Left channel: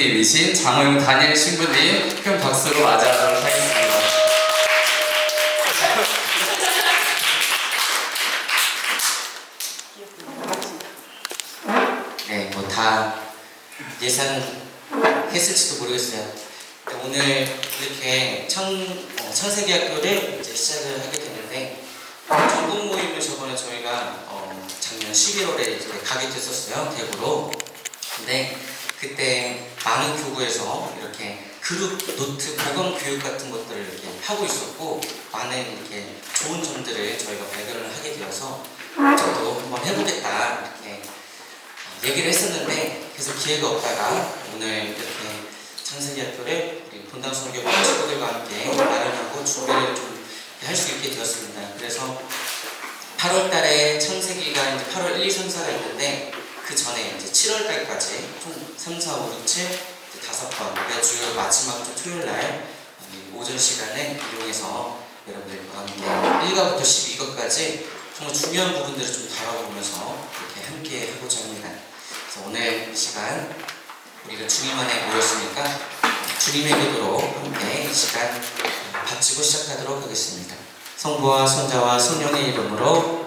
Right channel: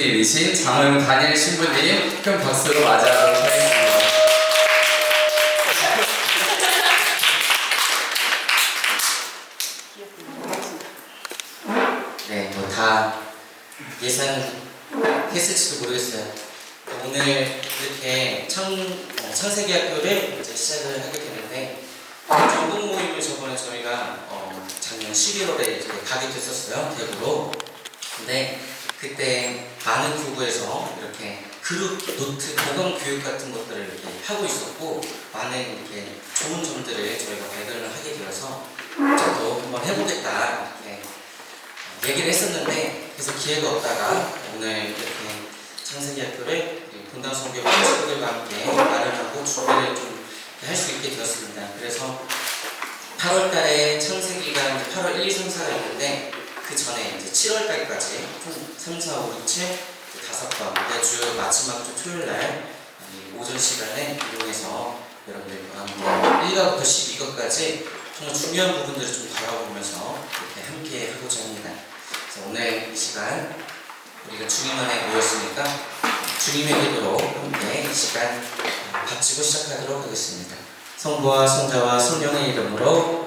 이신 장호영 다니엘 신부님 큰 박수로 맞이하도록 하겠습니다. 네, 뭐 다 예상했을지도 모르겠어요. 오늘 이렇게 창세기학교를 이제 시작을 하게 됐는데 전국 모임을 저번에 저희가 작년 11월에 이제 가게 됐었어요, 대구로. 근데 그때 많은 교구에서 이렇게 그룹 노트 보강 교육 같은 것들을 이렇게 하고 있었고 많은 이렇게 좋은 점들을 저희가 발견을 하게 되어서 저도 한번 해보겠다 이렇게 얘기를 했었는데 그래서 기회가 없다가 오늘 이렇게 창세기학교를 본당 선교 친구들과 함께 마련하고 준비를 좀 할 수 있게 되었습니다. 그래서 8월 달에 창세기가 8월 1, 2, 3, 4가 있는데 그 전에 이제 7월 달까지 3, 4, 5, 6, 7 5번 매주 마지막 주 토요일 날 오전 시간에 이용해서 여러분들과 함께 1과부터 12과까지 정말 중요한 부분들을 좀 다뤄보면서 이렇게 함께 하고자 합니다. 그래서 오늘 이 시간 우리가 주님 안에 모였으니까 주님의 기도로 함께 이 시간 바치고 시작하도록 하겠습니다. 성부와 성자와 성령의 이름으로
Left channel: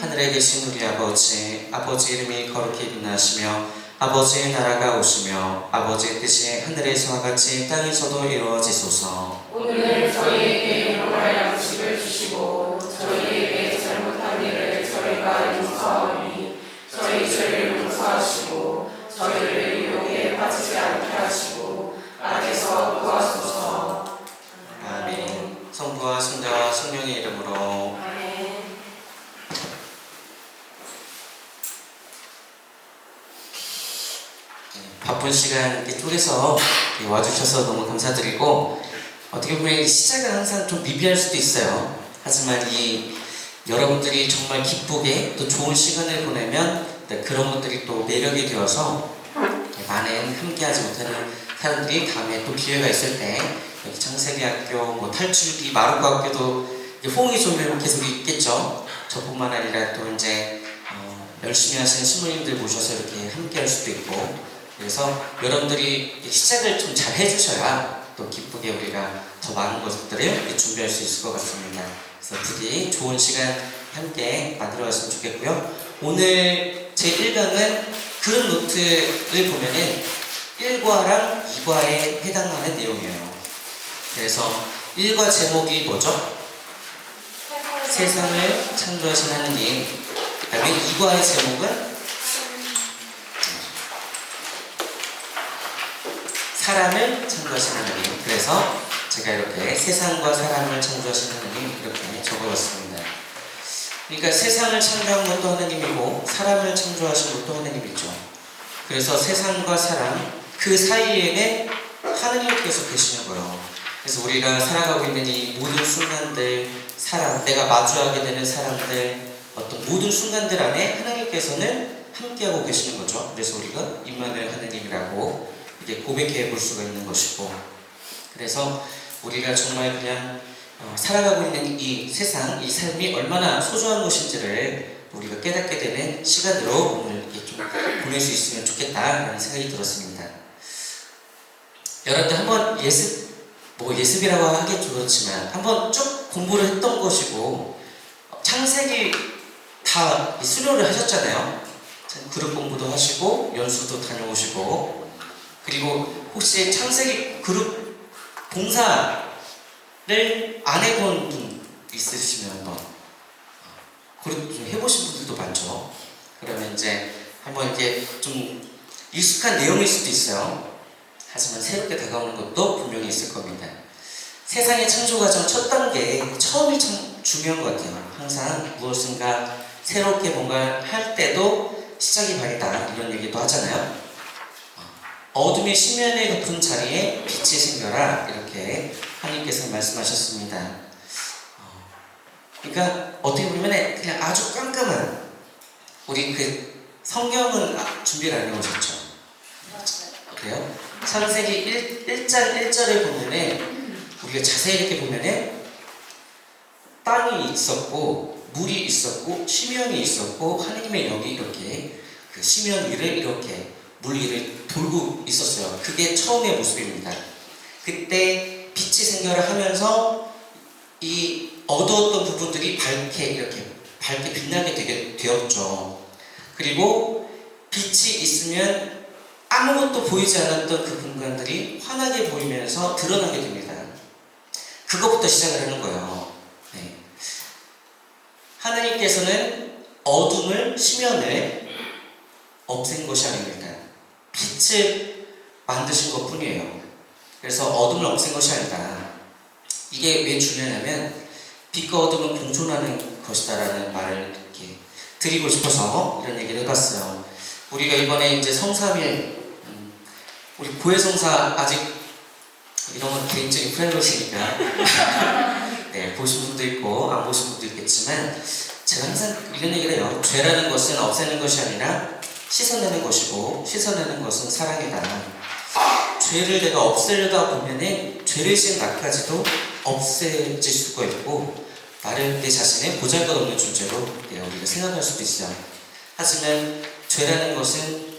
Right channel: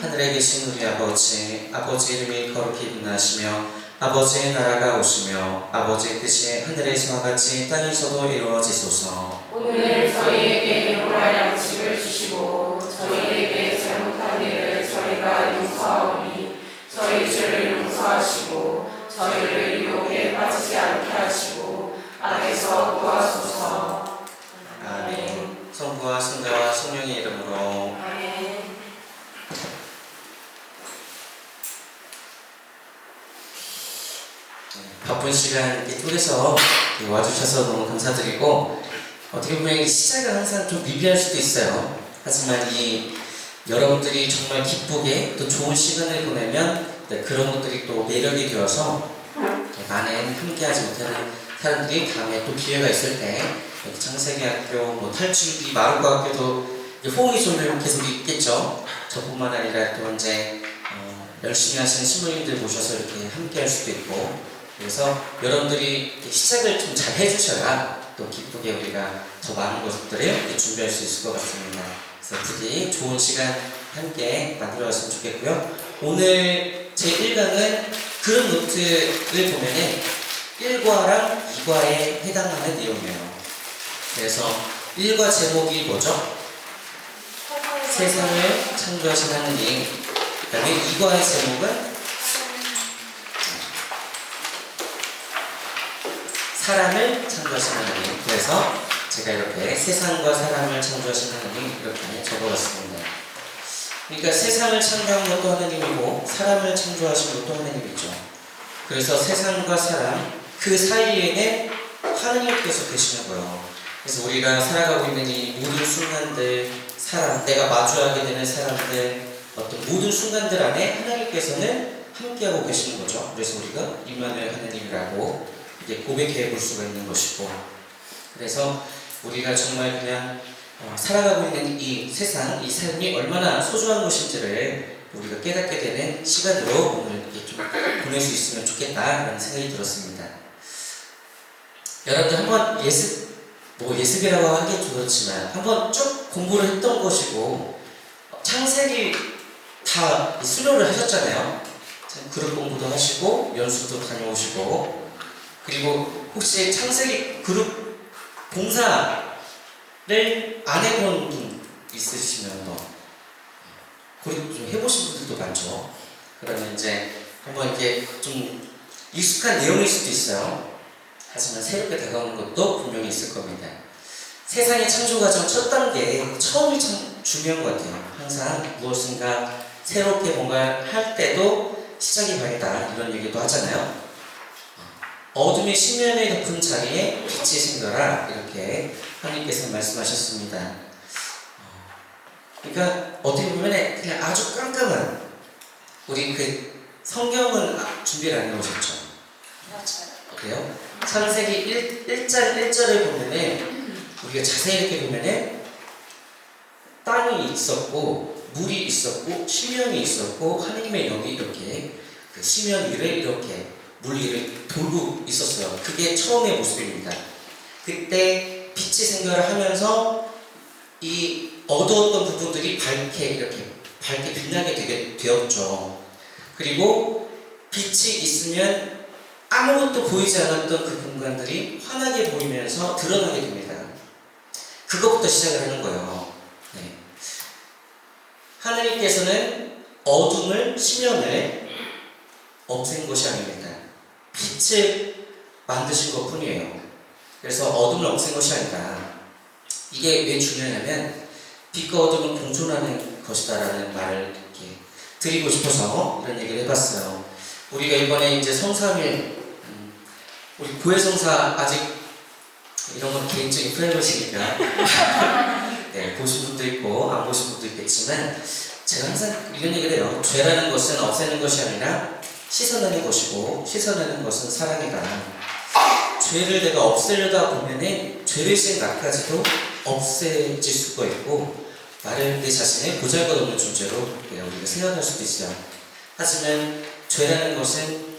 하늘에 계신 우리 아버지, 아버지 이름이 거룩히 빛나시며 아버지의 나라가 오시며 아버지의 뜻이 하늘에서와 같이 땅에서도 이루어지소서. 오늘 저희에게 일용할 양식을 주시고 저희에게 잘못한 일을 저희가 용서하오니 저희 죄를 용서하시고 저희를 유혹에 빠지지 않게 하시고 악에서 구하소서. 아멘. 성부와 성자와 성령의 이름으로 아멘. 바쁜 시간 속에서 와주셔서 너무 감사드리고 어떻게 보면 시작은 항상 좀 미비할 수도 있어요. 하지만 이 여러분들이 정말 기쁘게 또 좋은 시간을 보내면 그런 것들이 또 매력이 되어서 많은 함께하지 못하는 사람들이 다음에 또 기회가 있을 때 창세기학교, 뭐 탈출기, 마루과학교도 호응이 좀 계속 있겠죠. 저뿐만 아니라 또 이제 열심히 하시는 신부님들 모셔서 이렇게 함께할 수도 있고 그래서 여러분들이 시작을 좀 잘 해주셔야 또 기쁘게 우리가 더 많은 것들을 준비할 수 있을 것 같습니다. 그래서 부디 좋은 시간 함께 만들어갔으면 좋겠고요. 오늘 제 1강은 그런 노트를 보면은 1과랑 2과에 해당하는 내용이에요. 그래서 1과 제목이 뭐죠? 세상을 창조하신 하느님. 그 다음에 2과의 제목은 사람을 창조하신 하나님. 그래서 제가 이렇게 세상과 사람을 창조하신 하나님 이렇게 적어봤습니다. 그러니까 세상을 창조한 것도 하나님이고 사람을 창조하신 것도 하나님이죠. 그래서 세상과 사람 그 사이에는 하나님께서 계시는 거예요. 그래서 우리가 살아가고 있는 이 모든 순간들, 사람, 내가 마주하게 되는 사람들, 어떤 모든 순간들 안에 하나님께서는 함께하고 계시는 거죠. 그래서 우리가 임마누엘 하나님이라고 이게 고백해 볼 수가 있는 것이고, 그래서 우리가 정말 그냥 살아가고 있는 이 세상, 이 삶이 얼마나 소중한 것인지를 우리가 깨닫게 되는 시간으로 오늘 이렇게 좀 보낼 수 있으면 좋겠다라는 생각이 들었습니다. 여러분들 한번 예습이라고 하긴 그렇지만 한번 쭉 공부를 했던 것이고 창세기 다 수료를 하셨잖아요. 그룹 공부도 하시고 연수도 다녀오시고 그리고 혹시 창세기 그룹 봉사를 안 해본 분 있으시면 한번 그룹 좀 해보신 분들도 많죠. 그러면 이제 한번 이렇게 좀 익숙한 내용일 수도 있어요. 하지만 새롭게 다가오는 것도 분명히 있을 겁니다. 세상의 창조 과정 첫 단계, 처음이 참 중요한 것 같아요. 항상 무엇인가 새롭게 뭔가 할 때도 시작이 발이다 이런 얘기도 하잖아요. 어둠의 심연에 같은 자리에 빛이 생겨라 이렇게 하나님께서 말씀하셨습니다. 그러니까 어떻게 보면 그냥 아주 깜깜한 우리 그 성경은 준비를 안 해오셨죠? 맞아요. 그래요? 창세기 1절에 보면은 우리가 자세히 이렇게 보면은 땅이 있었고 물이 있었고 심연이 있었고 하나님의 영이 이렇게 그 심연 위를 이렇게 물 위를 돌고 있었어요. 그게 처음의 모습입니다. 그때 빛이 생겨를 하면서 이 어두웠던 부분들이 밝게 빛나게 되었죠. 그리고 빛이 있으면 아무것도 보이지 않았던 그 공간들이 환하게 보이면서 드러나게 됩니다. 그것부터 시작을 하는 거예요. 네. 하나님께서는 어둠을, 심연을 없앤 것이 아닙니다. 빛을 만드신 것 뿐이에요. 그래서 어둠을 없앤 것이 아니라, 이게 왜 중요하냐면 빛과 어둠은 공존하는 것이다라는 말을 이렇게 드리고 싶어서 이런 얘기를 해봤어요. 우리가 이번에 이제 성삼일, 우리 고해성사 아직 이런 건 개인적인 프라이버시니까 네, 보신 분도 있고 안 보신 분도 있겠지만, 제가 항상 이런 얘기를 해요. 죄라는 것은 없애는 것이 아니라 씻어내는 것이고, 씻어내는 것은 사랑이다. 죄를 내가 없애려다 보면은 죄를 지은 나까지도 없애질 수가 있고, 나를 내 자신의 보잘것없는 존재로 우리가 생각할 수도 있어요. 하지만 죄라는 것은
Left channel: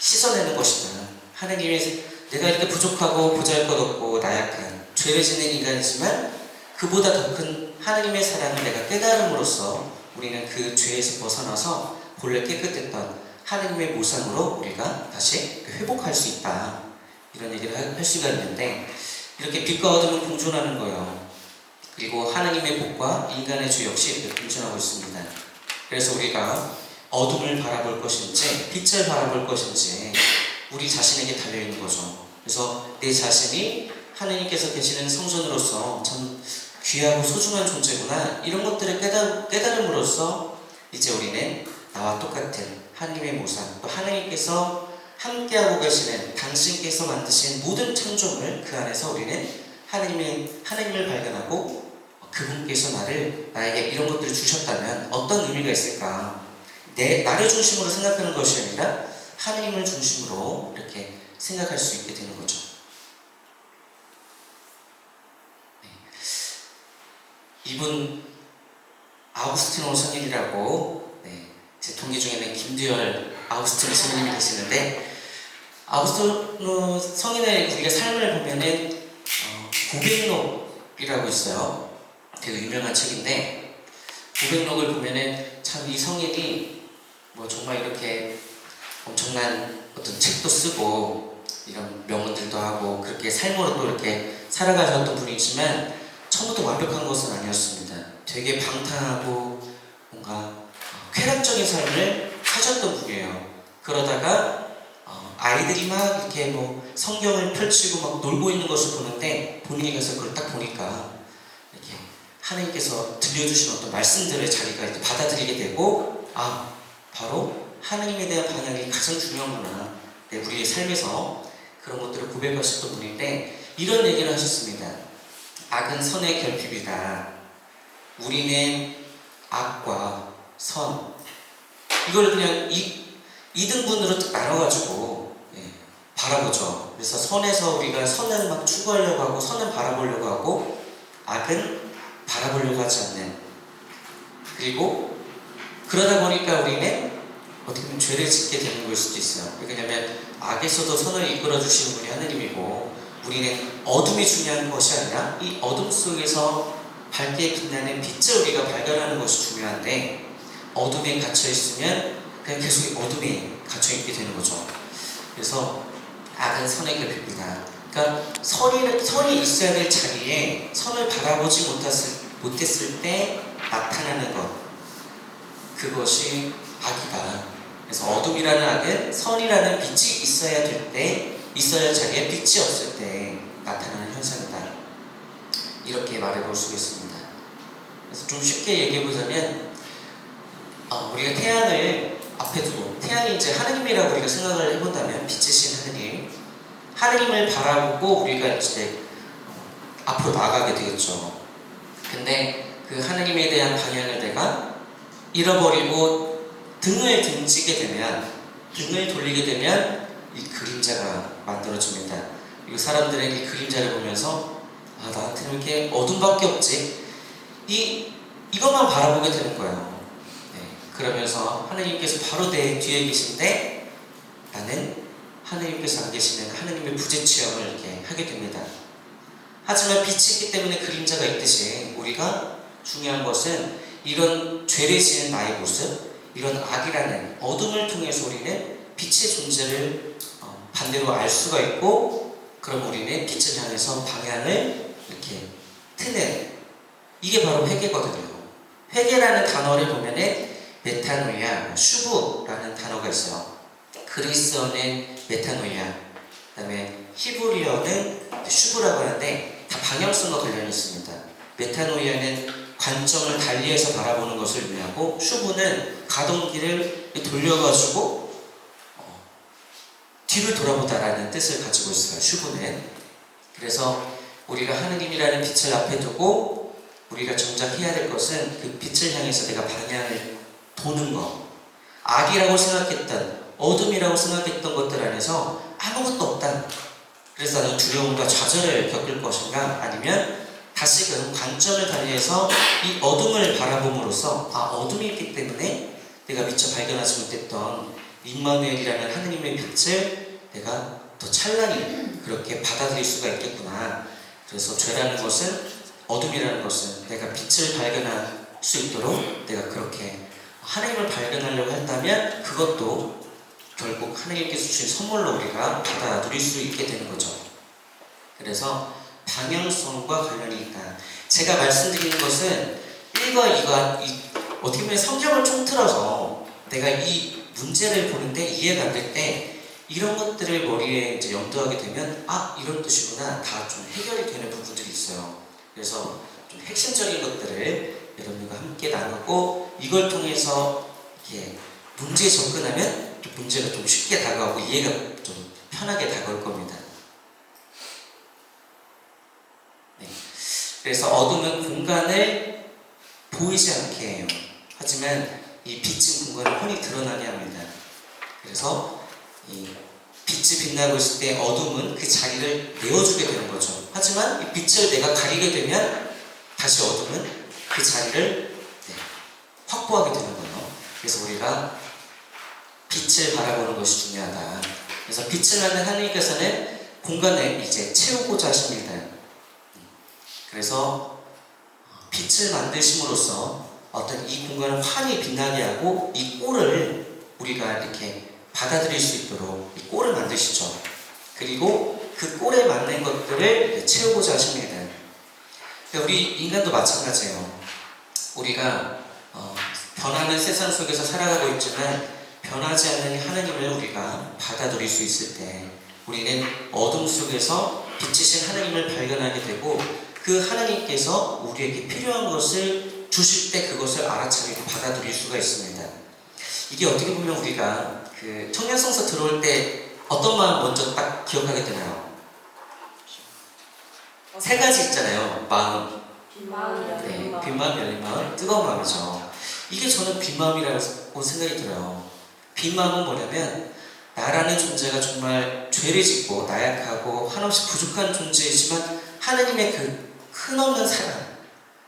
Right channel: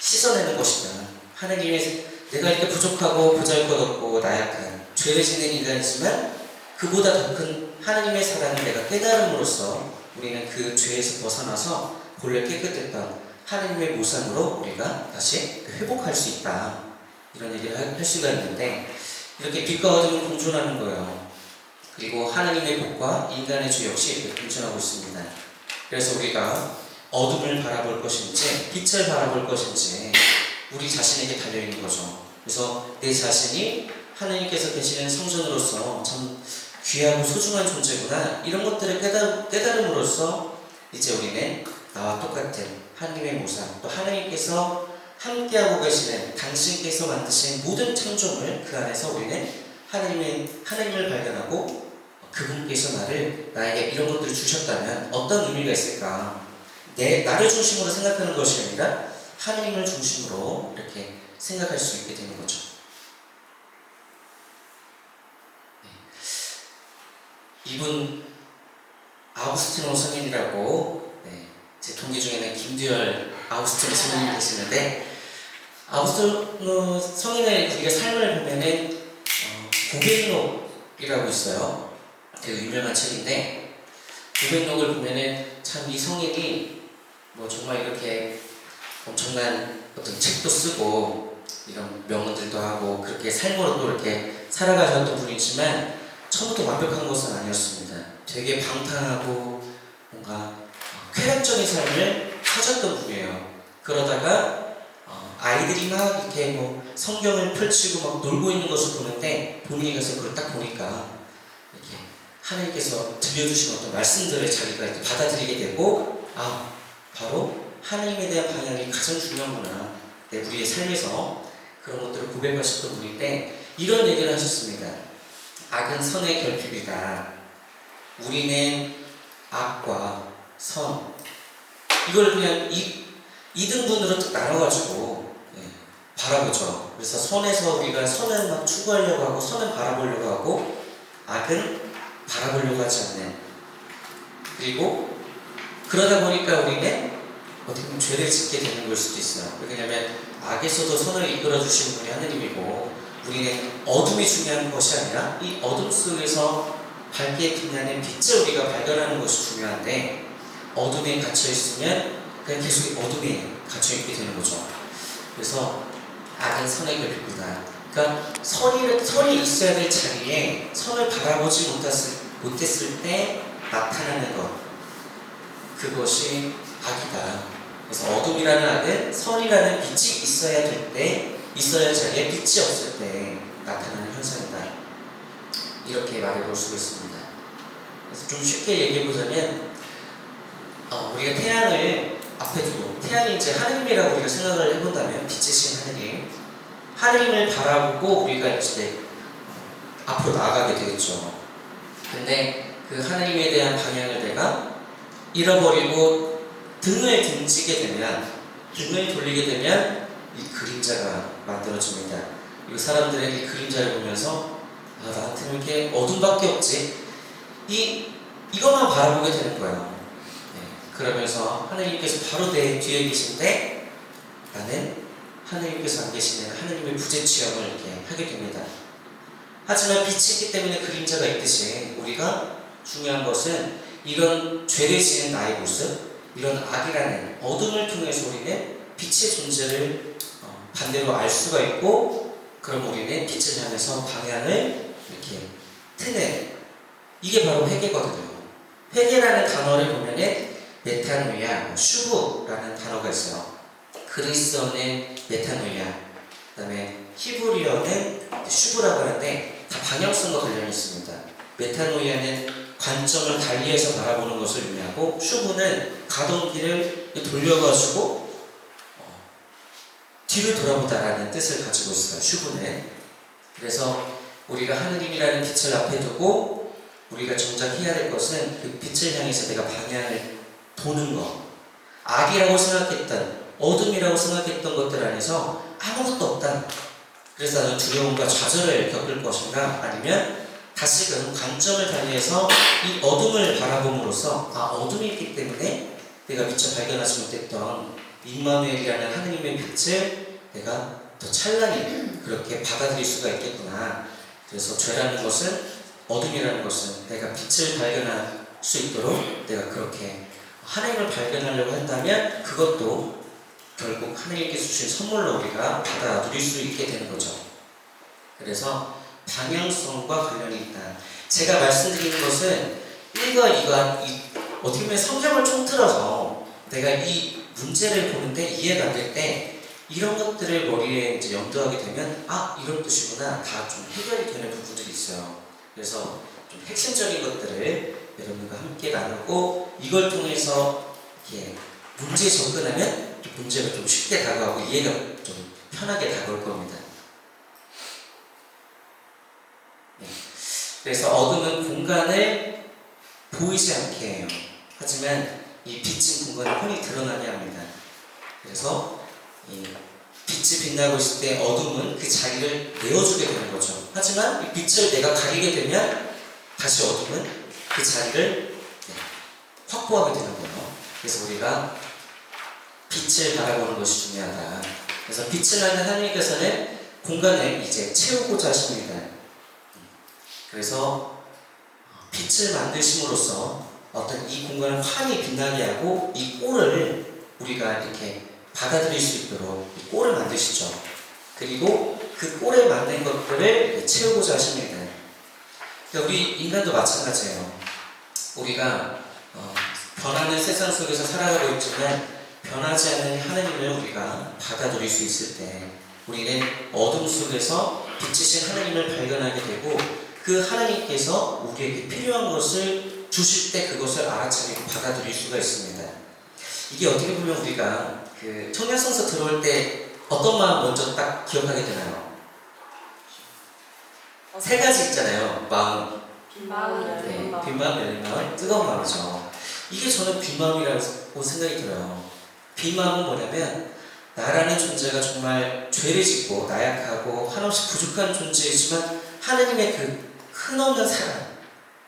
씻어내는 것이다. 하나님의, 내가 이렇게 부족하고 보잘것없고 나약한 죄를 지는 인간이지만 그보다 더 큰 하나님의 사랑을 내가 깨달음으로써 우리는 그 죄에서 벗어나서 본래 깨끗했던 하나님의 모상으로 우리가 다시 회복할 수 있다. 이런 얘기를 할 수가 있는데, 이렇게 빛과 어둠은 공존하는 거예요. 그리고 하나님의 복과 인간의 죄 역시 공존하고 있습니다. 그래서 우리가 어둠을 바라볼 것인지 빛을 바라볼 것인지 우리 자신에게 달려있는 거죠. 그래서 내 자신이 하나님께서 계시는 성전으로서 참 귀하고 소중한 존재구나, 이런 것들을 깨달음으로써 이제 우리는 나와 똑같은 하나님의 모상, 또 하나님께서 함께하고 계시는, 당신께서 만드신 모든 창조물 그 안에서 우리는 하나님을 발견하고, 그분께서 나에게 이런 것들을 주셨다면 어떤 의미가 있을까? 나를 중심으로 생각하는 것이 아니라 하나님을 중심으로 이렇게 생각할 수 있게 되는 거죠. 이분 아우구스티노 성인이라고, 제 동기 중에는 김두열 아우구스티노 성인이 계시는데, 아우구스티노 성인의 우리가 삶을 보면은 고백록이라고 있어요. 되게 유명한 책인데, 고백록을 보면은 참 이 성인이 뭐 정말 이렇게 엄청난 어떤 책도 쓰고 이런 명언들도 하고 그렇게 삶으로도 이렇게 살아가셨던 분이지만 처음부터 완벽한 것은 아니었습니다. 되게 방탕하고 뭔가 쾌락적인 삶을 사셨던 분이에요. 그러다가 아이들이 막 이렇게 뭐 성경을 펼치고 막 놀고 있는 것을 보는데, 본인이 가서 그걸 딱 보니까 이렇게 하나님께서 들려주신 어떤 말씀들을 자기가 이렇게 받아들이게 되고, 바로 하나님에 대한 방향이 가장 중요하구나, 우리의 삶에서 그런 것들을 고백하셨던 분인데, 이런 얘기를 하셨습니다. 악은 선의 결핍이다. 우리는 악과 선, 이걸 그냥 이등분으로 나눠가지고 바라보죠. 그래서 선에서 우리가 선을 막 추구하려고 하고 선을 바라보려고 하고, 악은 바라보려고 하지 않는, 그리고 그러다 보니까 우리는 어떻게 보면 죄를 짓게 되는 걸 수도 있어요. 왜냐하면 악에서도 선을 이끌어 주시는 분이 하나님이고, 우리는 어둠이 중요한 것이 아니라 이 어둠 속에서 밝게 빛나는 빛을 우리가 발견하는 것이 중요한데, 어둠에 갇혀 있으면 그냥 계속 어둠에 갇혀 있게 되는 거죠. 그래서 악은 선의 결핍이다. 그러니까 선이 있어야 될 자리에 선을 바라보지 못했을 때 나타나는 것, 그것이 악이다. 그래서 어둠이라는 악은 선이라는 빛이 있어야 될 때, 있어야 할 자리에 빛이 없을 때 나타나는 현상이다. 이렇게 말해볼 수 있습니다. 그래서 좀 쉽게 얘기해보자면, 우리가 태양을 앞에 두고, 태양이 이제 하느님이라고 우리가 생각을 해본다면, 빛이신 하느님을 바라보고 우리가 이제 앞으로 나아가게 되겠죠. 근데 그 하느님에 대한 방향을 내가 잃어버리고 등을 돌리게 되면 이 그림자가 만들어집니다. 그리고 사람들은 이 그림자를 보면서 나한테는 이렇게 어둠밖에 없지, 이것만 바라보게 되는 거예요. 그러면서 하나님께서 바로 내 뒤에 계신데 나는 하느님께서 안 계시는 하느님의 부재 체험을 이렇게 하게 됩니다. 하지만 빛이 있기 때문에 그림자가 있듯이 우리가 중요한 것은 이런 죄를 지은 나의 모습, 이런 악이라는 어둠을 통해서 우리는 빛의 존재를 반대로 알 수가 있고, 그럼 우리는 빛을 향해서 방향을 이렇게 트는, 이게 바로 회개거든요. 회개라는 단어를 보면은 메타노이아, 슈브라는 단어가 있어요. 그리스어는 메타노이아, 그 다음에 히브리어는 슈브라고 하는데 다 방향성과 관련이 있습니다. 메타노이아는 관점을 달리해서 바라보는 것을 의미하고, 슈브는 가던 길을 돌려가지고 뒤를 돌아보다라는 뜻을 가지고 있어요. 슈브는. 그래서 우리가 하느님이라는 빛을 앞에 두고 우리가 정작 해야 될 것은 그 빛을 향해서 내가 방향을 도는 것. 악이라고 생각했던, 어둠이라고 생각했던 것들 안에서 아무것도 없다. 그래서 나는 두려움과 좌절을 겪을 것인가, 아니면 다시금 관점을 달리해서 이 어둠을 바라봄으로써 어둠이 있기 때문에 내가 미처 발견하지 못했던 임마누엘이라는 하느님의 빛을 내가 더 찬란히 그렇게 받아들일 수가 있겠구나. 그래서 죄라는 것은, 어둠이라는 것은 내가 빛을 발견할 수 있도록 내가 그렇게 하나님을 발견하려고 한다면 그것도 결국 하나님께서 주신 선물로 우리가 받아 누릴 수 있게 되는 거죠. 그래서 방향성과 관련이 있다. 제가 말씀드리는 것은 1과 2가 어떻게 보면 성경을 통틀어서 내가 이 문제를 보는데 이해가 안 될 때 이런 것들을 머리에 이제 염두하게 되면 이런 뜻이구나, 다 좀 해결이 되는 부분들이 있어요. 그래서 좀 핵심적인 것들을 여러분과 함께 나누고, 이걸 통해서 이렇게 문제에 접근하면 문제가 좀 쉽게 다가오고 이해가 좀 편하게 다가올 겁니다. 네. 그래서 어둠은 공간을 보이지 않게 해요. 하지만 이 빛은 공간을 훤히 드러나게 합니다. 그래서 이 빛이 빛나고 있을 때 어둠은 그 자리를 내어주게 되는 거죠. 하지만 이 빛을 내가 가리게 되면 다시 어둠은 그 자리를 확보하게 되는 거예요. 그래서 우리가 빛을 바라보는 것이 중요하다. 그래서 빛을 하는 하나님께서는 공간을 이제 채우고자 하십니다. 그래서 빛을 만드심으로써 어떤 이 공간을 환히 빛나게 하고, 이 꼴을 우리가 이렇게 받아들일 수 있도록 이 꼴을 만드시죠. 그리고 그 꼴에 맞는 것들을 채우고자 하십니다. 우리 인간도 마찬가지예요. 우리가 변하는 세상 속에서 살아가고 있지만 변하지 않는 하나님을 우리가 받아들일 수 있을 때 우리는 어둠 속에서 빛이신 하나님을 발견하게 되고, 그 하나님께서 우리에게 필요한 것을 주실 때 그것을 알아차리고 받아들일 수가 있습니다. 이게 어떻게 보면 우리가 그 청년성서 들어올 때 어떤 마음 먼저 딱 기억하게 되나요? 세 가지 있잖아요. 마음, 마음, 빈 마음, 열린 마음, 뜨거운 마음이죠. 이게 저는 빈 마음이라고 생각이 들어요. 빈 마음은 뭐냐면, 나라는 존재가 정말 죄를 짓고 나약하고 한없이 부족한 존재이지만 하나님의 그 큰없는 사랑,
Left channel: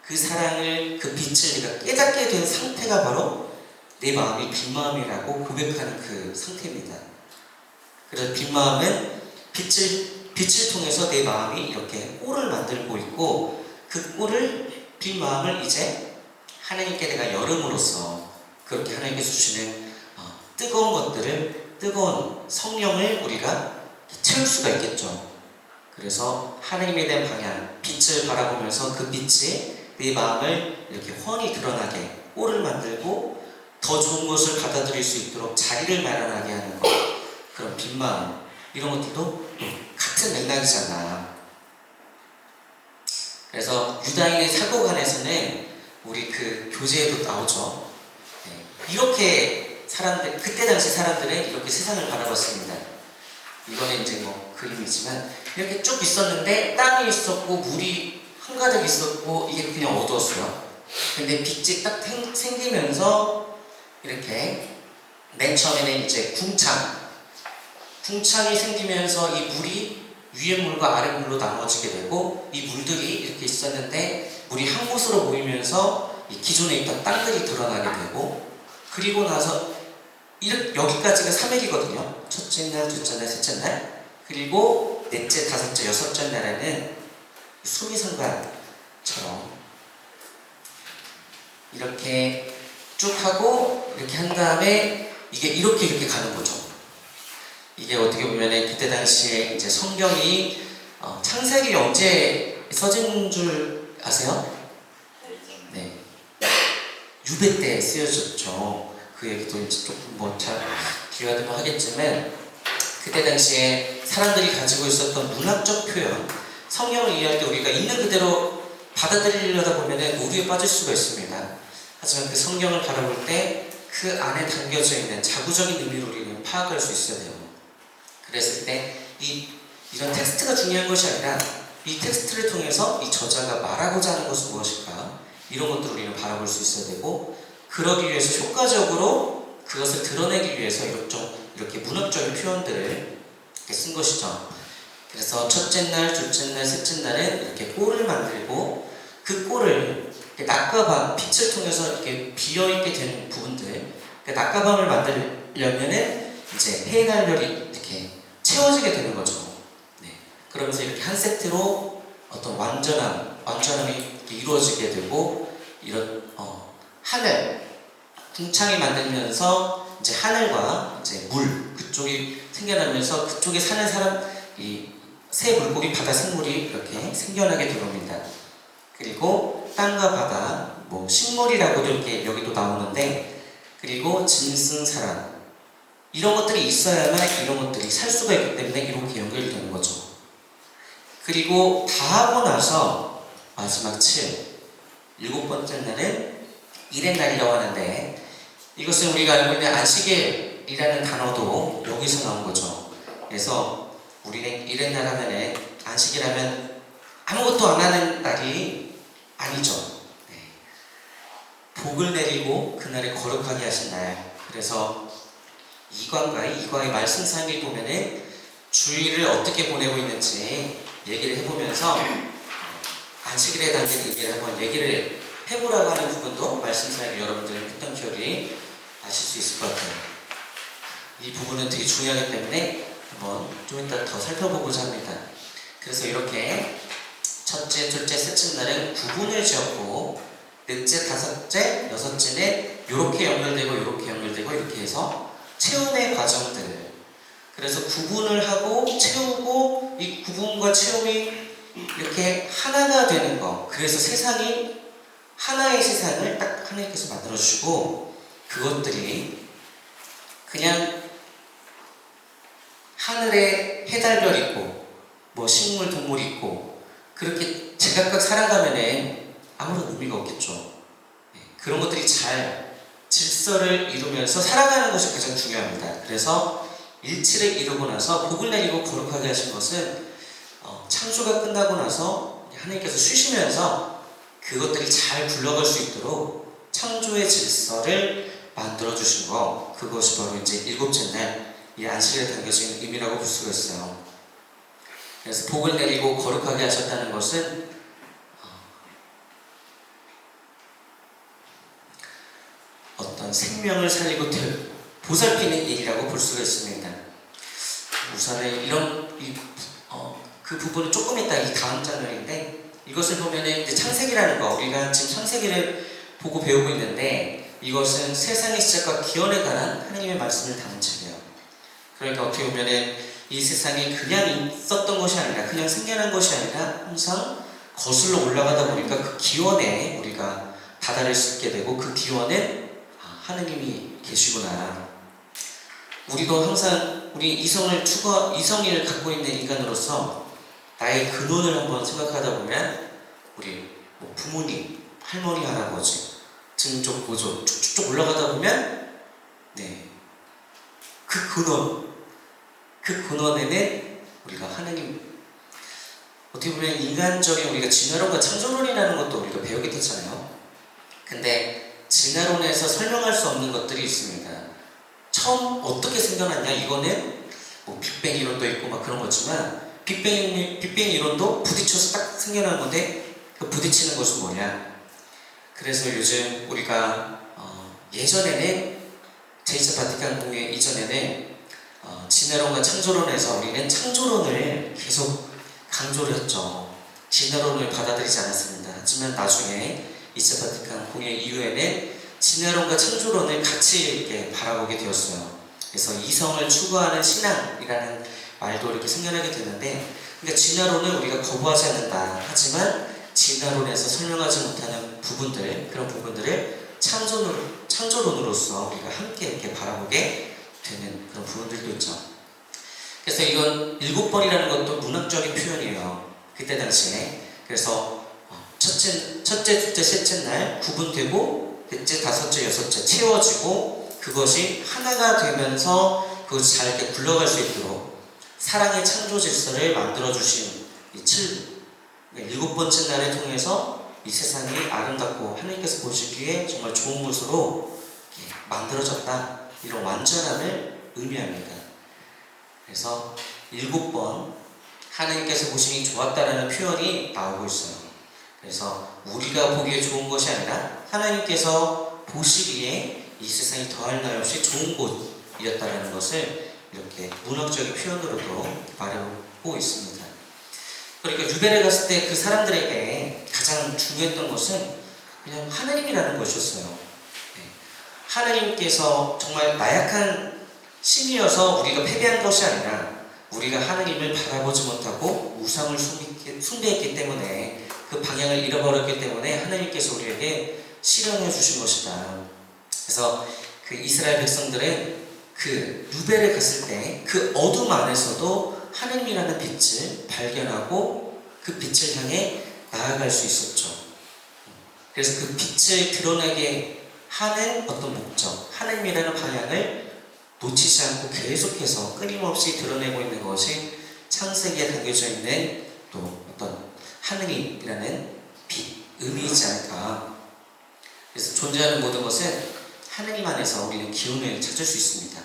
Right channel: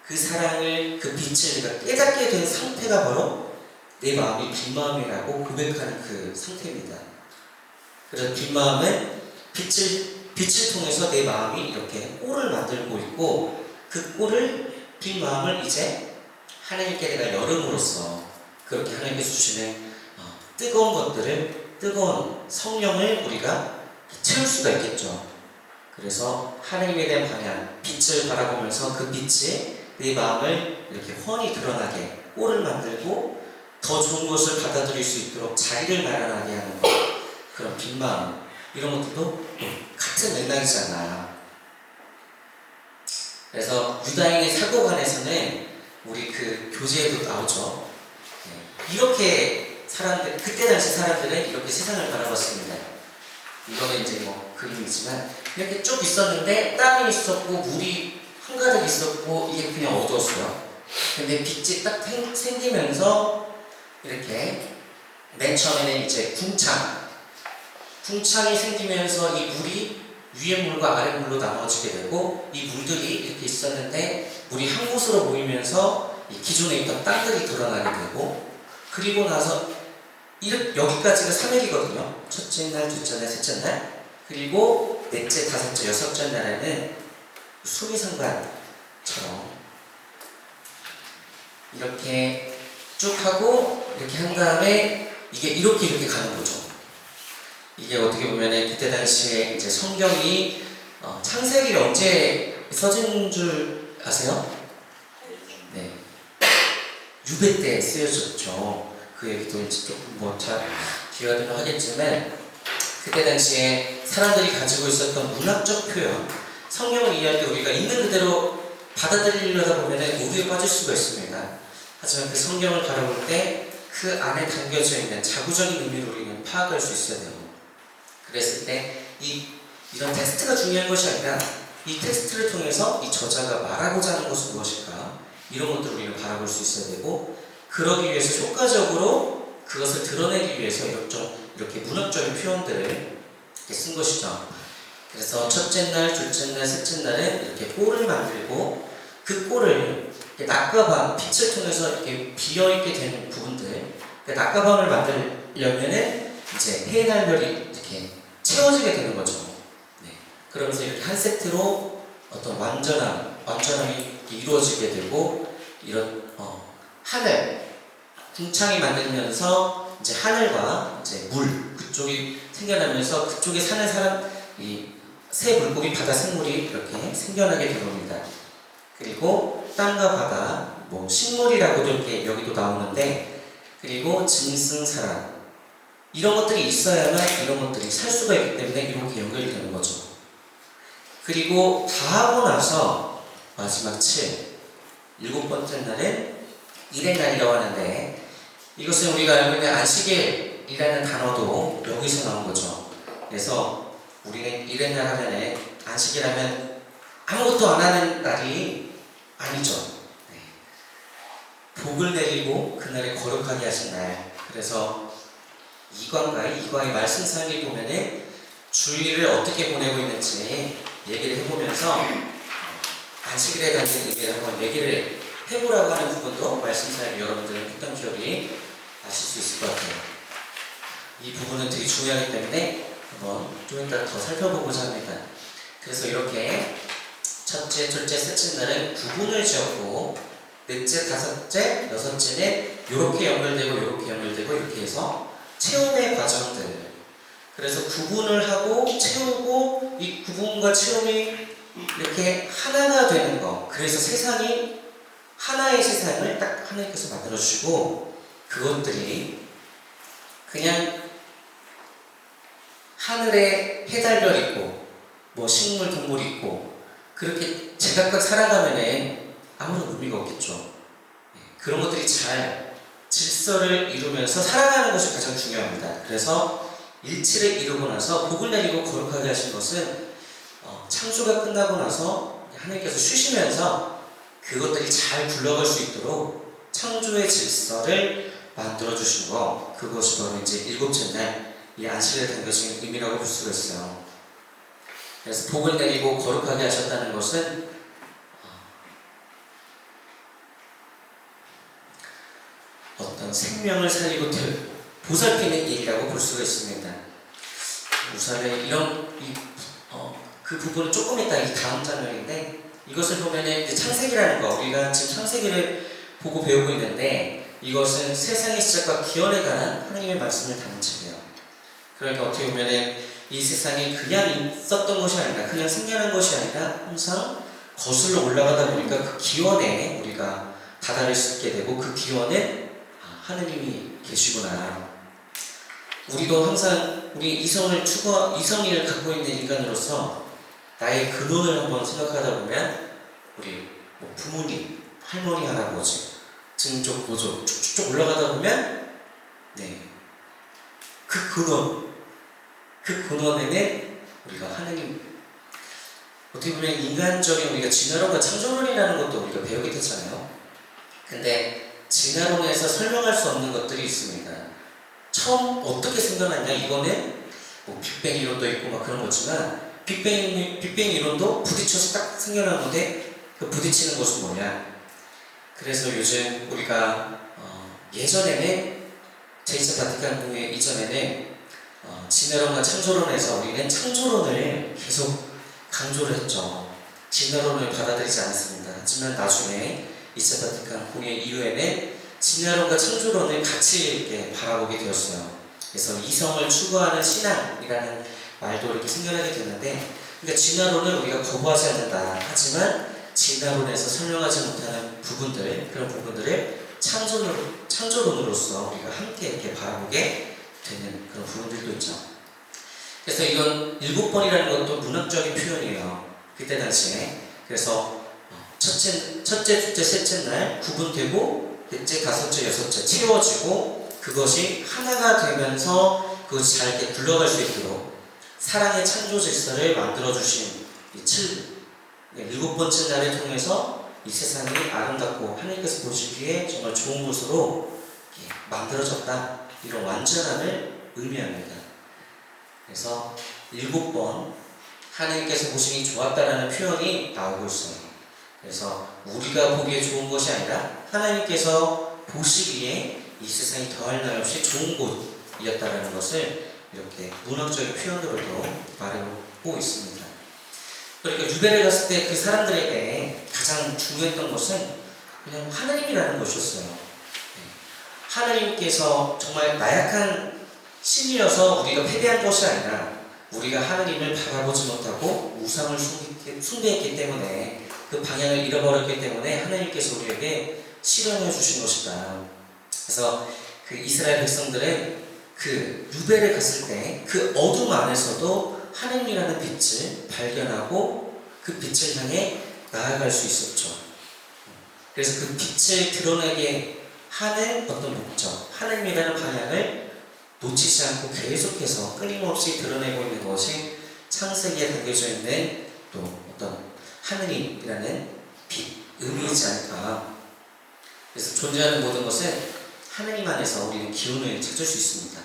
그 사랑을, 그 빛을 내가 깨닫게 된 상태가 바로 내 마음이 빈 마음이라고 고백하는 그 상태입니다. 그래서 빈 마음은 빛을 통해서 내 마음이 이렇게 꼴을 만들고 있고, 그 꼴을, 빈 마음을 이제 하나님께 내가 열음으로써 그렇게 하나님께서 주시는 뜨거운 것들을, 뜨거운 성령을 우리가 채울 수가 있겠죠. 그래서 하나님에 대한 방향, 빛을 바라보면서 그 빛이 내 마음을 이렇게 훤히 드러나게, 꼴을 만들고 더 좋은 것을 받아들일 수 있도록 자리를 마련하게 하는 것, 그런 빈 마음, 이런 것들도 같은 맥락이잖아. 그래서 유다인의 사고관에서는 우리 그 교재에도 나오죠. 이렇게 사람들, 그때 당시 사람들은 이렇게 세상을 바라봤습니다. 이거는 이제 그림이지만 이렇게 쭉 있었는데 땅이 있었고 물이 한가득 있었고 이게 그냥 어두웠어요. 근데 빛이 딱 생기면서 이렇게 맨 처음에는 이제 궁창이 생기면서 이 물이 위에 물과 아래 물로 나눠지게 되고, 이 물들이 이렇게 있었는데 물이 한 곳으로 모이면서 이 기존에 있던 땅들이 드러나게 되고, 그리고 나서 여기까지가 3일이거든요. 첫째 날, 둘째 날, 셋째 날. 그리고 넷째, 다섯째, 여섯째 날에는 수미상관처럼 이렇게 쭉 하고 이렇게 한 다음에 이게 이렇게 가는 거죠. 이게 어떻게 보면 그때 당시에 이제 성경이 창세기 언제 써진 줄 아세요? 네. 유배 때 쓰여졌죠. 그 얘기도 이제 조금 잘 기회가 하겠지만 그때 당시에 사람들이 가지고 있었던 문학적 표현, 성경을 이해할 때 우리가 있는 그대로 받아들이려다 보면 오류에 빠질 수가 있습니다. 하지만 그 성경을 바라볼 때 그 안에 담겨져 있는 자구적인 의미를 우리는 파악할 수 있어야 돼요. 그랬을 때 이런 텍스트가 중요한 것이 아니라 이 텍스트를 통해서 이 저자가 말하고자 하는 것은 무엇일까? 이런 것들을 우리는 바라볼 수 있어야 되고, 그러기 위해서 효과적으로 그것을 드러내기 위해서 이렇게 문학적인 표현들을 이렇게 쓴 것이죠. 그래서 첫째 날, 둘째 날, 셋째 날은 이렇게 꼴을 만들고 그 꼴을 낮과 밤, 빛을 통해서 이렇게 비어있게 되는 부분들, 낮과 밤을 만들려면은 이제 해나 별이 이렇게 채워지게 되는 거죠. 네. 그러면서 이렇게 한 세트로 어떤 완전함이 이루어지게 되고, 이런 하늘, 궁창이 만들면서 이제 하늘과 이제 물 그쪽이 생겨나면서 그쪽에 사는 사람, 이 새 물고기, 바다 생물이 이렇게 생겨나게 되는 겁니다. 그리고 땅과 바다, 식물이라고도 이렇게 여기도 나오는데, 그리고 짐승, 사람, 이런 것들이 있어야만 이런 것들이 살 수가 있기 때문에 이렇게 연결되는 거죠. 그리고 다 하고 나서 마지막 7, 일곱 번째 날은 일의 날이라고 하는데, 이것은 우리가 알고 있는 안식일이라는 단어도 여기서 나온 거죠. 그래서 우리는 일의 날 하면은 안식일 하면 아무것도 안 하는 날이 아니죠. 네. 복을 내리고 그날에 거룩하게 하신 날. 그래서 이광의 말씀상에 보면은 주일을 어떻게 보내고 있는지 얘기를 해보면서 안식일에 담긴 얘기를 한번 얘기를 해보라고 하는 부분도 말씀상에 여러분들은 했던 기억이 아실 수 있을 것 같아요. 이 부분은 되게 중요하기 때문에 한번 좀 이따 더 살펴보고자 합니다. 그래서 이렇게 첫째, 둘째, 셋째 날은 구분을 지었고, 넷째, 다섯째, 여섯째는 이렇게 연결되고 이렇게 해서 체험의 과정들. 그래서 구분을 하고 채우고, 이 구분과 체험이 이렇게 하나가 되는 거. 그래서 세상이 하나의 세상을 딱 하나님께서 만들어주시고, 그것들이 그냥 하늘에 해달별 있고 식물, 동물 있고 그렇게 제각각 살아가면은 아무런 의미가 없겠죠. 그런 것들이 잘 질서를 이루면서 살아가는 것이 가장 중요합니다. 그래서 일치를 이루고 나서 복을 내리고 거룩하게 하신 것은 창조가 끝나고 나서 하나님께서 쉬시면서 그것들이 잘 굴러갈 수 있도록 창조의 질서를 만들어 주신 거, 그것이 바로 이제 일곱째 날 이 안식일에 담겨진 의미라고 볼 수가 있어요. 그래서 복을 내리고 거룩하게 하셨다는 것은 어떤 생명을 살리고 보살피는 일이라고 볼 수가 있습니다. 우선은 그 부분은 조금 이따 이 다음 장면인데, 이것을 보면은 이제 창세기라는 거, 우리가 지금 창세기를 보고 배우고 있는데, 이것은 세상의 시작과 기원에 관한 하나님의 말씀을 담은 책이에요. 그러니까 어떻게 보면은 이 세상이 그냥 있었던 것이 아니라, 그냥 생겨난 것이 아니라 항상 거슬러 올라가다 보니까 그 기원에 우리가 다다를 수 있게 되고, 그 기원에 하느님이 계시구나. 우리도 항상 우리 이성을 갖고 있는 인간으로서 나의 근원을 한번 생각하다 보면, 우리 부모님, 할머니, 할아버지, 증족, 고족 쭉쭉 올라가다 보면 그 근원에는 우리가 하느님, 어떻게 보면 인간적인 우리가 진화론과 창조론이라는 것도 우리가 배우게 됐잖아요. 근데 진화론에서 설명할 수 없는 것들이 있습니다. 처음 어떻게 생겨났냐, 이거는 빅뱅 이론도 있고 그런 거지만, 빅뱅 이론도 부딪혀서 딱 생겨난 건데, 그 부딪히는 것은 뭐냐. 그래서 요즘 우리가 예전에는 제2차 바티칸 공회 이전에는 진화론과 창조론에서 우리는 창조론을 계속 강조를 했죠. 진화론을 받아들이지 않았습니다. 하지만 나중에 2차 바티칸 공회 이후에는 진화론과 창조론을 같이 이렇게 바라보게 되었어요. 그래서 이성을 추구하는 신앙이라는 말도 이렇게 생겨나게 되는데, 그러니까 진화론을 우리가 거부하지 않는다. 하지만 진화론에서 설명하지 못하는 부분들, 그런 부분들을 창조론으로서 우리가 함께 이렇게 바라보게 되는 그런 부분들도 있죠. 그래서 이건 7번이라는 것도 문학적인 표현이에요. 그때 당시에. 그래서 첫째, 둘째, 셋째 날 구분되고, 넷째, 다섯째, 여섯째 채워지고, 그것이 하나가 되면서 그것이 잘 이렇게 굴러갈 수 있도록 사랑의 창조 질서를 만들어주신 이 7번째 날을 통해서 이 세상이 아름답고 하나님께서 보시기에 정말 좋은 곳으로 만들어졌다. 이런 완전함을 의미합니다. 그래서 7번 하나님께서 보시기 좋았다라는 표현이 나오고 있어요. 그래서 우리가 보기에 좋은 것이 아니라 하나님께서 보시기에 이 세상이 더할 나위 없이 좋은 곳이었다는 것을 이렇게 문학적인 표현으로도 말하고 있습니다. 그러니까 유배를 갔을 때 그 사람들에게 가장 중요했던 것은 그냥 하나님이라는 것이었어요. 하나님께서 정말 나약한 신이어서 우리가 패배한 것이 아니라 우리가 하나님을 바라보지 못하고 우상을 숭배했기 때문에 그 방향을 잃어버렸기 때문에 하나님께서 우리에게 시련해 주신 것이다. 그래서 그 이스라엘 백성들은 그 유배를 갔을 때 그 어둠 안에서도 하나님이라는 빛을 발견하고 그 빛을 향해 나아갈 수 있었죠. 그래서 그 빛을 드러나게 하는 어떤 목적, 하나님이라는 방향을 놓치지 않고 계속해서 끊임없이 드러내고 있는 것이 창세기에 담겨져 있는 또 어떤 하느님이라는 빛, 의미이지 않을까. 그래서 존재하는 모든 것은 하나님 안에서 우리는 기운을 찾을 수 있습니다.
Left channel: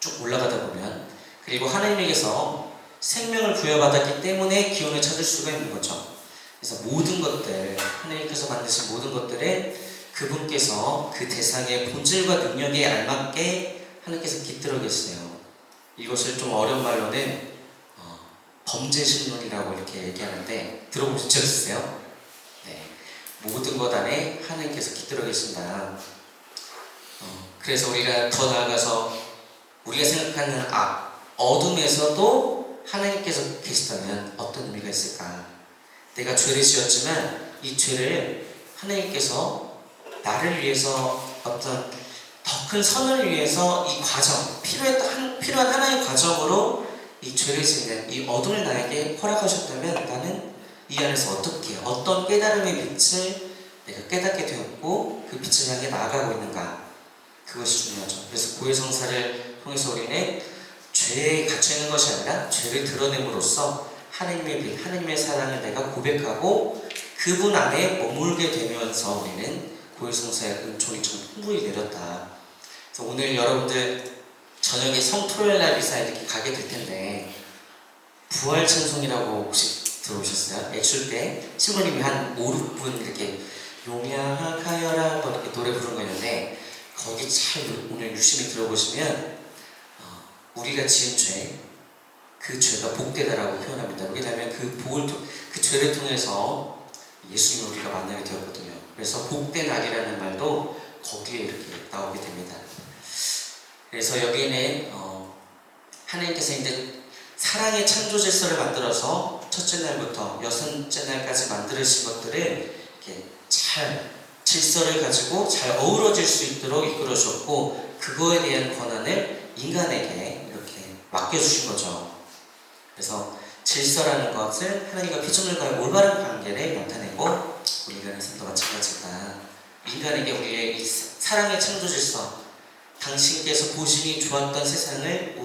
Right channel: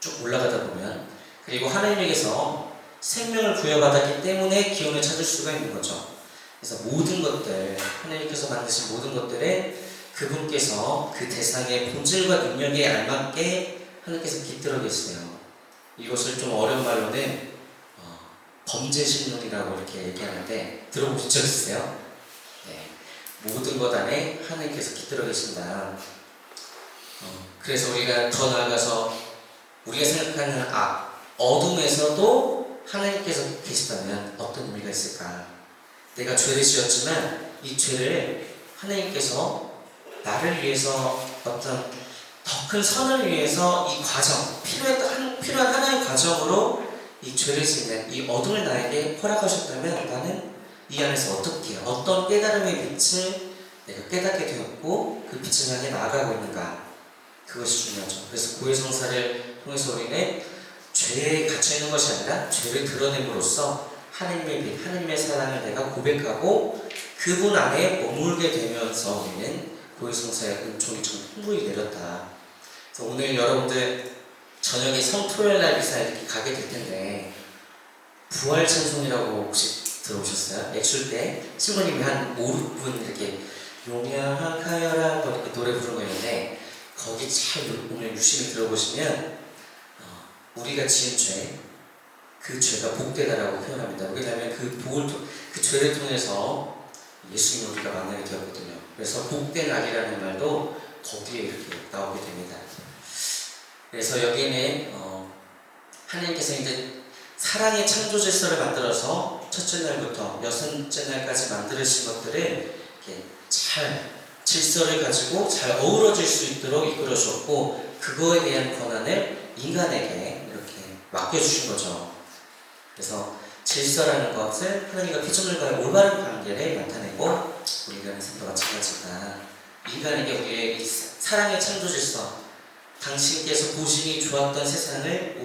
쭉 올라가다 보면. 그리고 하나님에게서 생명을 부여받았기 때문에 기운을 찾을 수가 있는 거죠. 그래서 모든 것들, 하나님께서 만드신 모든 것들에 그분께서 그 대상의 본질과 능력에 알맞게 하나님께서 깃들어 계세요. 이것을 좀 어려운 말로는 범죄신론이라고 이렇게 얘기하는데 들어보신 적 있으세요? 네. 모든 것 안에 하나님께서 깃들어 계신다. 그래서 우리가 더 나아가서 우리가 생각하는 어둠에서도 하나님께서 계시다면 어떤 의미가 있을까? 내가 죄를 지었지만 이 죄를 하나님께서 나를 위해서 어떤 더 큰 선을 위해서 이 과정, 필요한 하나의 과정으로 이 죄를 짓는 이 어둠을 나에게 허락하셨다면 나는 이 안에서 어떤 깨달음의 빛을 내가 깨닫게 되었고 그 빛을 향해 나아가고 있는가? 그것이 중요하죠. 그래서 고해성사를 통해서 우리는 죄에 갇혀있는 것이 아니라 죄를 드러냄으로써 하나님의 빛, 하나님의 사랑을 내가 고백하고 그분 안에 머물게 되면서 우리는 고해성사의 은총이 좀 풍부히 내렸다. 그래서 오늘 여러분들 저녁에 성토요일날 미사 이렇게 가게 될 텐데 부활 찬송이라고 혹시 들어보셨어요? 액출 때 신부님이 한 5, 6분 이렇게 용약하여라 이렇게 노래 부르는 거 있는데 거기 잘 오늘 유심히 들어보시면 우리가 지은 죄, 그 죄가 복되다라고 표현합니다. 왜냐하면 그 죄를 통해서 예수님을 우리가 만나게 되었거든요. 그래서 복된 악이라는 말도 거기에 이렇게 나오게 됩니다. 그래서 여기는 하나님께서 이제 사랑의 창조 질서를 만들어서 첫째 날부터 여섯째 날까지 만드신 것들을 이렇게 잘 질서를 가지고 잘 어우러질 수 있도록 이끌어 주었고 그거에 대한 권한을 인간에게 이렇게 맡겨주신 거죠. 그래서 질서라는 것을 하나님과 피조물과의 올바른 관계를 나타내고 우리 인간의 삶도 마찬가지다. 인간에게 우리의 이 사랑의 창조 질서, 당신께서 보시기 좋았던 세상을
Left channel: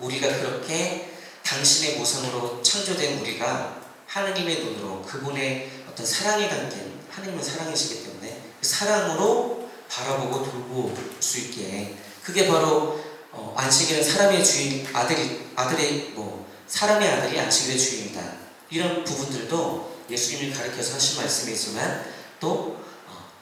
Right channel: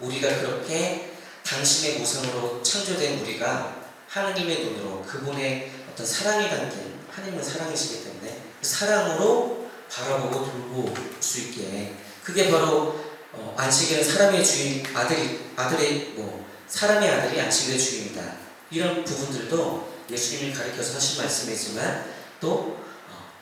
우리가 그렇게 당신의 모습으로 창조된 우리가 하나님의 눈으로 그분의 어떤 사랑이 담긴 하나님은 사랑이시기 때문에 그 사랑으로 바라보고 돌볼 수 있게 그게 바로 안식일은 사람의 주인 사람의 아들이 안식일의 주인이다. 이런 부분들도 예수님이 가르쳐서 하신 말씀이지만 또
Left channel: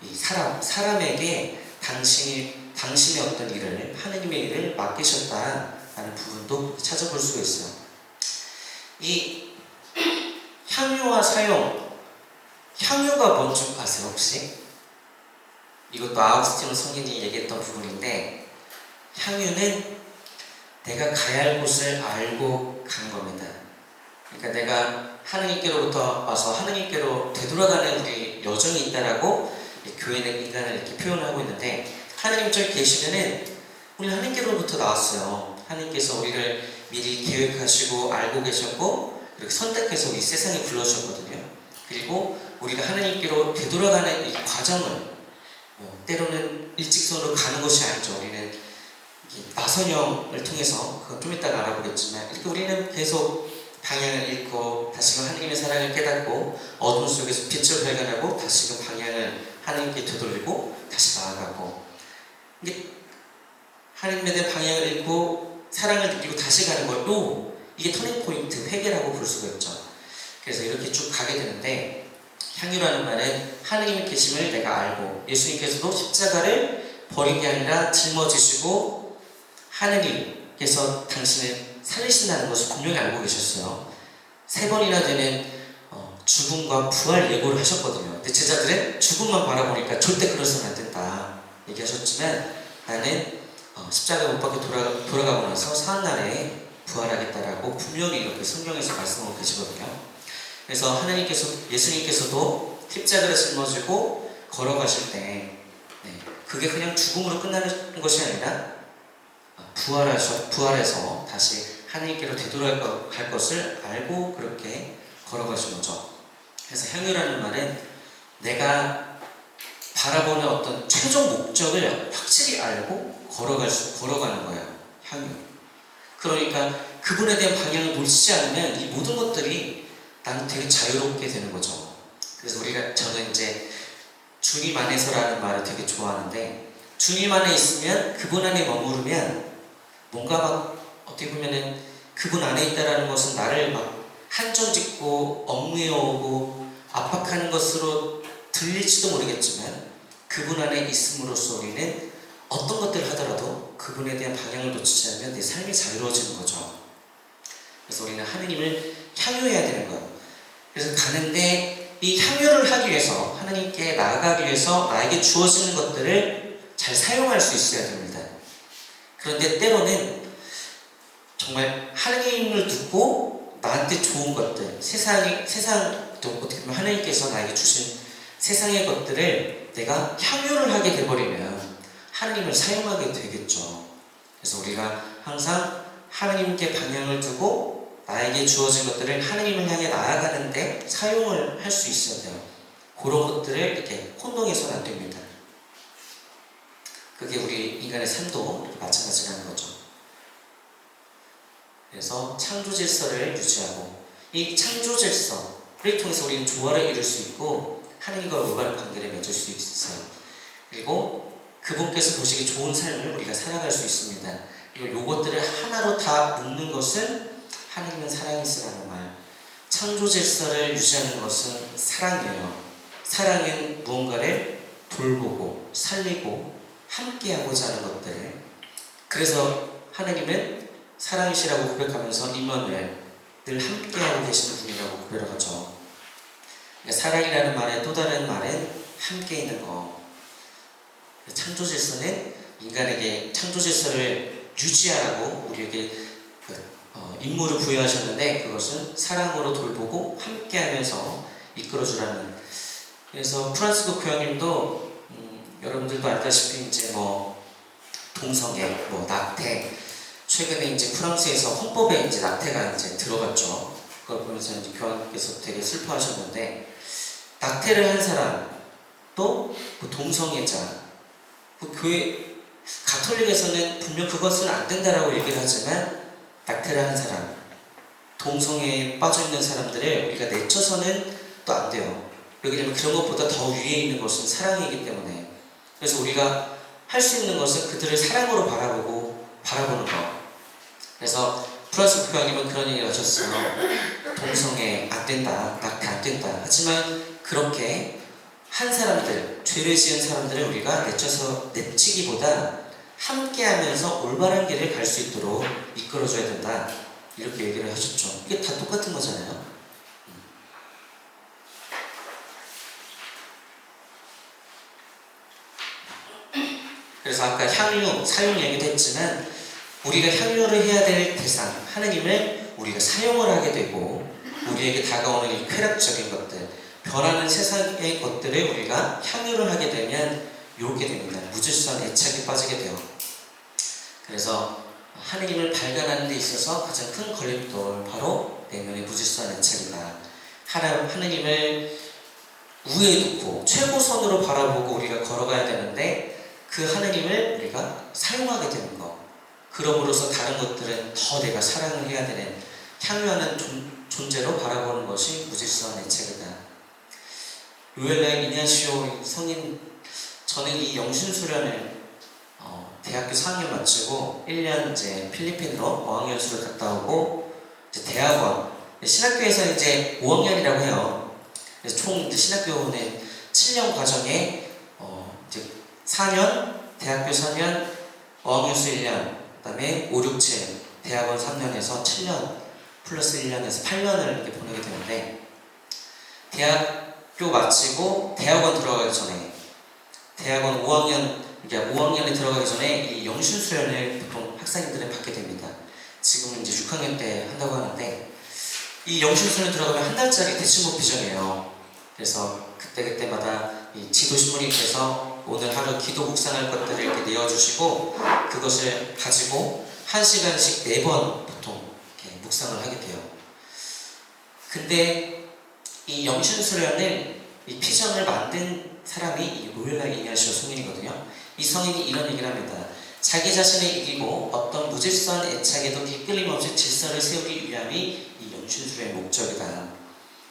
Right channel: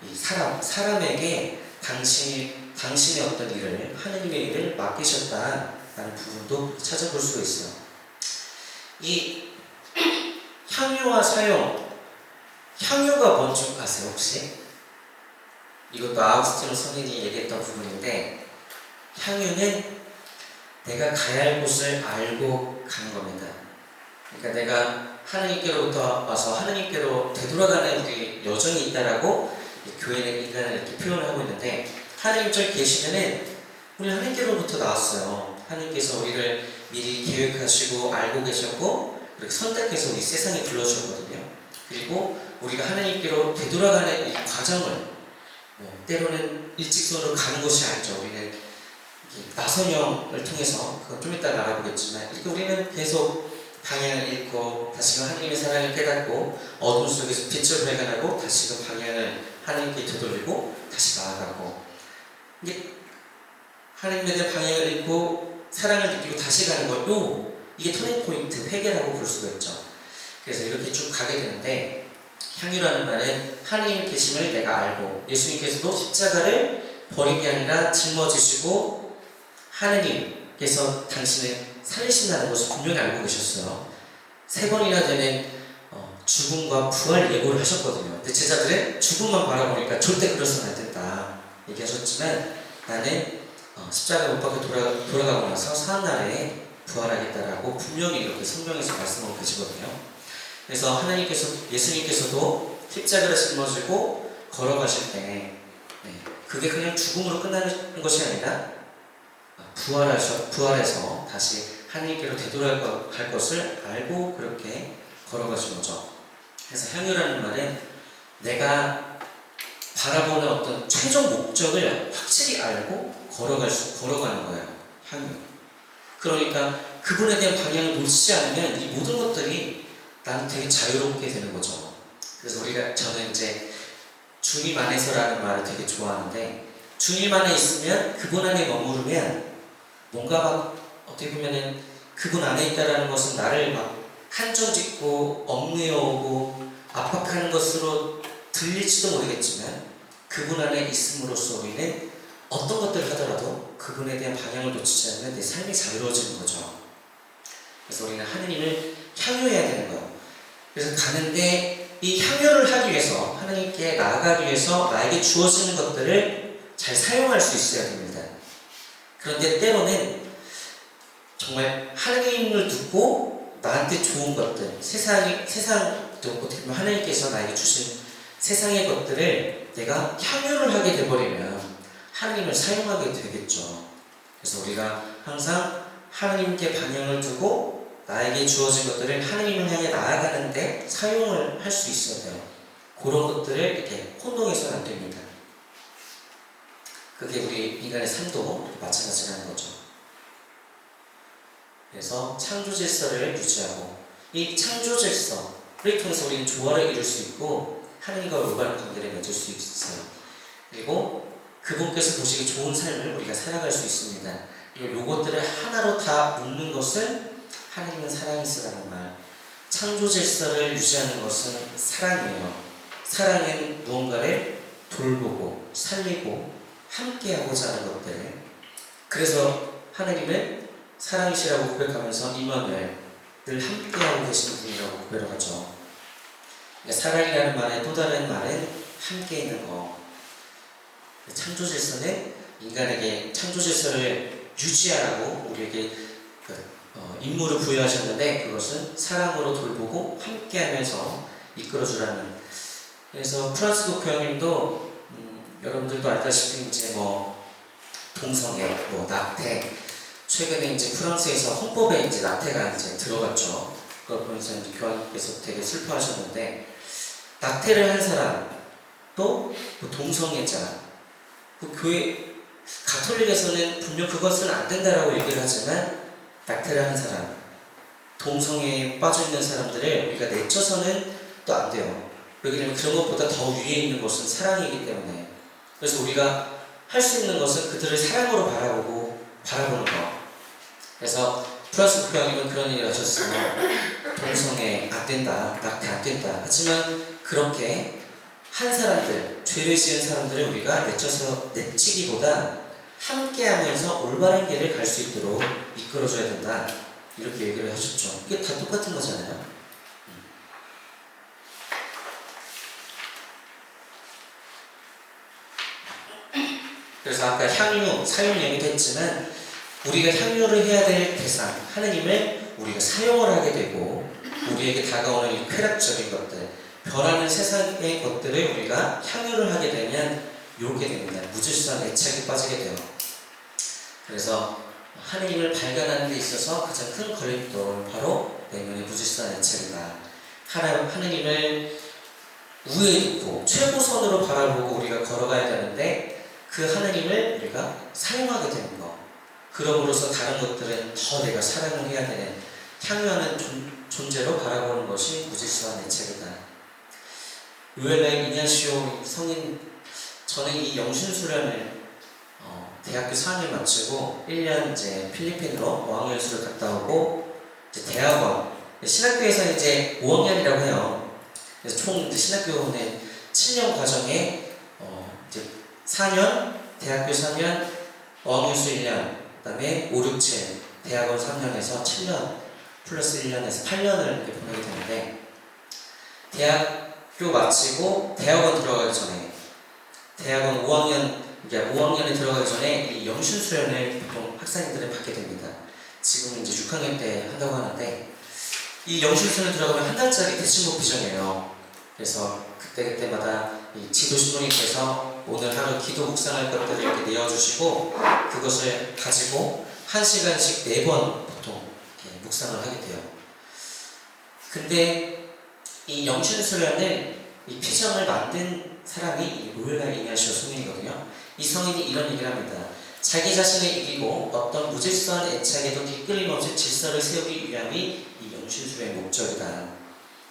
이 사람에게 당신의 어떤 일을 하느님의 일을 맡기셨다라는 부분도 찾아볼 수가 있어요. 이 향유와 사용, 향유가 뭔지 아세요 혹시? 이것도 아우구스티노 성인이 얘기했던 부분인데, 향유는 내가 가야 할 곳을 알고 가는 겁니다. 그러니까 내가 하느님께로부터 와서 하느님께로 되돌아가는 우리 여정이 있다라고 교회는 인간을 이렇게 표현을 하고 있는데, 하느님 저기 계시면은 우리 하느님께로부터 나왔어요. 하느님께서 우리를 미리 계획하시고 알고 계셨고 그렇게 선택해서 우리 세상에 불러주셨거든요. 그리고 우리가 하느님께로 되돌아가는 이 과정을 때로는 일직선으로 가는 것이 아니죠. 우리는 나선형을 통해서, 그건 좀 이따가 알아보겠지만, 우리는 계속 방향을 잃고 다시금 하나님의 사랑을 깨닫고 어둠 속에서 빛을 발견하고 다시금 방향을 하나님께 되돌리고 다시 나아가고, 이게 하나님에 대한 방향을 잃고 사랑을 느끼고 다시 가는 것도 이게 터닝포인트, 회개라고 볼 수가 있죠. 그래서 이렇게 쭉 가게 되는데, 향유라는 말은 하나님 계심을 내가 알고, 예수님께서도 십자가를 버린 게 아니라 짊어지시고 하나님께서 당신을 살리신다는 것을 분명히 알고 계셨어요. 3번이나 되는 죽음과 부활 예고를 하셨거든요. 근데 제자들은 죽음만 바라보니까 절대 그러서는 안 된다 얘기하셨지만, 나는 십자가 못 박혀 돌아가고 나서 사흘날에 부활하겠다라고 분명히 이렇게 성경에서 말씀하고 계시거든요. 그래서 예수님께서도 십자가를 짊어지고 걸어가실 때, 그게 그냥 죽음으로 끝나는 것이 아니라 부활해서 다시 하나님께로 되돌아갈 것을 알고 그렇게 걸어가신 거죠. 그래서 향유라는 말은 내가 바라보는 어떤 최종 목적을 확실히 알고 걸어가는 거예요. 향유. 그러니까 그분에 대한 방향을 놓치지 않으면 이 모든 것들이 나는 되게 자유롭게 되는 거죠. 그래서 저는 이제 주님 안에서라는 말을 되게 좋아하는데, 주님 안에 있으면, 그분 안에 머무르면 뭔가 막 어떻게 보면은 그분 안에 있다라는 것은 나를 막 한정짓고 얽매어오고 압박하는 것으로 들릴지도 모르겠지만, 그분 안에 있음으로써 우리는 어떤 것들을 하더라도 그분에 대한 방향을 놓치지 않으면 내 삶이 자유로워지는 거죠. 그래서 우리는 하느님을 향유해야 되는 거예요. 그래서 가는데 이 향유를 하기 위해서, 하나님께 나아가기 위해서 나에게 주어지는 것들을 잘 사용할 수 있어야 됩니다. 그런데 때로는 정말 하나님을 듣고 나한테 좋은 것들, 세상도 어떻게 보면 하나님께서 나에게 주신 세상의 것들을 내가 향유를 하게 되버리면 하나님을 사용하게 되겠죠. 그래서 우리가 항상 하나님께 방향을 두고 나에게 주어진 것들을 하나님을 향해 나아가는데 사용을 할 수 있어야 돼요. 그런 것들을 이렇게 혼동해서는 안 됩니다. 그게 우리 인간의 삶도 마찬가지라는 거죠. 그래서 창조 질서를 유지하고, 이 창조 질서를 통해서 우리는 조화를 이룰 수 있고 하나님과 올바른 관계를 맺을 수 있어요. 그리고 그분께서 보시기 좋은 삶을 우리가 살아갈 수 있습니다. 그리고 이것들을 하나로 다 묶는 것은 하나님은 사랑이시라는 말. 창조 질서를 유지하는 것은 사랑이에요. 사랑은 무언가를 돌보고 살리고 함께하고자 하는 것들. 그래서 하나님은 사랑이시라고 고백하면서 임마누엘, 늘 함께하고 계시는 분이라고 고백을 하죠. 그러니까 사랑이라는 말의 또 다른 말은 함께 있는 거. 창조 질서는 인간에게 창조 질서를 유지하라고 우리에게 임무를 부여하셨는데, 그것은 사랑으로 돌보고 함께하면서 이끌어주라는. 그래서 프란시스코 교황님도 여러분들도 알다시피 이제 동성애, 낙태, 최근에 이제 프랑스에서 헌법에 이제 낙태가 이제 들어갔죠. 그걸 보면서 이제 교황님께서 되게 슬퍼하셨는데, 낙태를 한 사람, 또 동성애자, 교회 가톨릭에서는 분명 그것은 안 된다라고 얘기를 하지만, 낙태를 하는 사람, 동성애에 빠져있는 사람들을 우리가 내쳐서는 또 안 돼요. 왜냐하면 그런 것보다 더 위에 있는 것은 사랑이기 때문에. 그래서 우리가 할 수 있는 것은 그들을 사랑으로 바라보는 거. 그래서 프란시스코 교황님은 그런 얘기를 하셨어요. 동성애 안 된다, 낙태 안 된다. 하지만 그렇게 한 사람들, 죄를 지은 사람들을 우리가 내치기보다 함께하면서 올바른 길을 갈 수 있도록 이끌어줘야 된다. 이렇게 얘기를 하셨죠. 이게 다 똑같은 거잖아요. 그래서 아까 향유, 사용 얘기도 했지만 우리가 향유를 해야 될 대상, 하느님을 우리가 사용을 하게 되고 우리에게 다가오는 이 쾌락적인 것들, 변하는 세상의 것들을 우리가 향유를 하게 되면 요렇게 됩니다. 무질서한 애착에 빠지게 돼요. 그래서 하느님을 발견하는 데 있어서 가장 큰 걸림돌 바로 내면의 무질서한 애착이다. 하느님을 우에 두고 최고선으로 바라보고 우리가 걸어가야 되는데 그 하느님을 우리가 사용하게 되는 것, 그럼으로써 다른 것들은 더 내가 사랑을 해야 되는 향유하는 존재로 바라보는 것이 무질서한 애착이다. 요엘라임 이냐시오 성인, 저는 이 영신수련을 대학교 4학년 마치고 1년 이제 필리핀으로 어학연수를 갔다 오고 이제 대학원, 신학교에서 이제 5학년이라고 해요. 그래서 총 이제 신학교는 7년 과정에 이제 4년, 대학교 3년, 어학연수 1년, 그 다음에 5, 6, 7, 대학원 3년에서 7년 플러스 1년에서 8년을 이렇게 보내게 되는데, 대학교 마치고 대학원 들어가기 전에, 대학원 5학년에 들어가기 전에 이 영신수련을 보통 학생들은 받게 됩니다. 지금은 이제 6학년 때 한다고 하는데, 이 영신수련 들어가면 한 달짜리 대치목 비전이에요. 그래서 그때마다 이 지도신부님께서 오늘 하루 기도 묵상할 것들을 이렇게 내어주시고 그것을 가지고 1시간씩 4번 보통 이렇게 묵상을 하게 돼요. 근데 이 영신수련을 이 피정을 만든 사람이 이 로엘라임 이냐시오 성인이거든요. 이 성인이 이런 얘기를 합니다. 자기 자신을 이기고 어떤 무질서한 애착에도 뒤끌림없이 질서를 세우기 위함이 이 영신수련의 목적이다.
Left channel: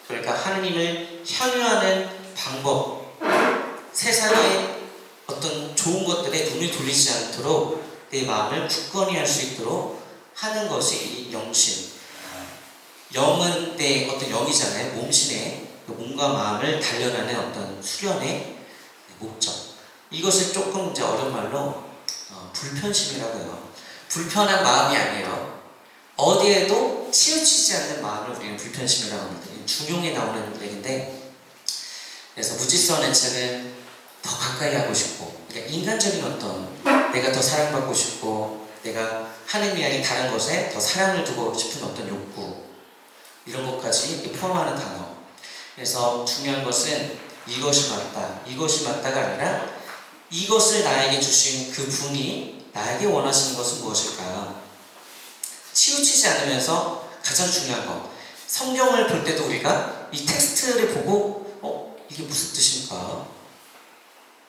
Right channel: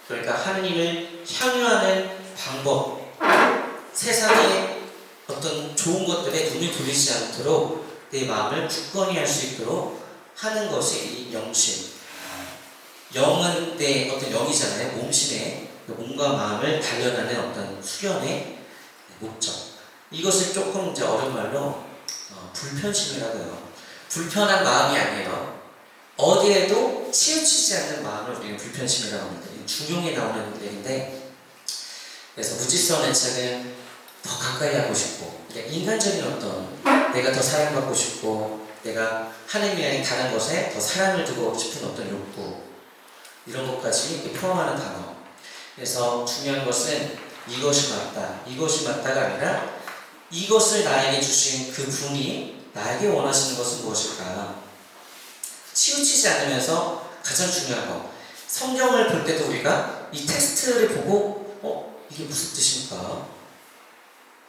그러니까 하느님을 향유하는 방법, 세상의 어떤 좋은 것들에 눈이 돌리지 않도록 내 마음을 굳건히 할 수 있도록 하는 것이 이 영신. 영은 내 어떤 영이잖아요. 몸신의 몸과 마음을 단련하는 어떤 수련의 목적. 이것을 조금 이제 어려운 말로 불편심이라고 해요. 불편한 마음이 아니에요. 어디에도 치우치지 않는 마음을 우리는 불편심이라고 합니다. 중용에 나오는 얘기인데, 그래서 무질서한 애착은 더 가까이 하고 싶고, 그러니까 인간적인 어떤 내가 더 사랑받고 싶고, 내가 하느님 아닌 다른 것에 더 사랑을 두고 싶은 어떤 욕구, 이런 것까지 포함하는 단어. 그래서 중요한 것은 이것이 맞다, 이것이 맞다가 아니라 이것을 나에게 주신 그 분이 나에게 원하시는 것은 무엇일까? 치우치지 않으면서 가장 중요한 거, 성경을 볼 때도 우리가 이 텍스트를 보고 이게 무슨 뜻입니까?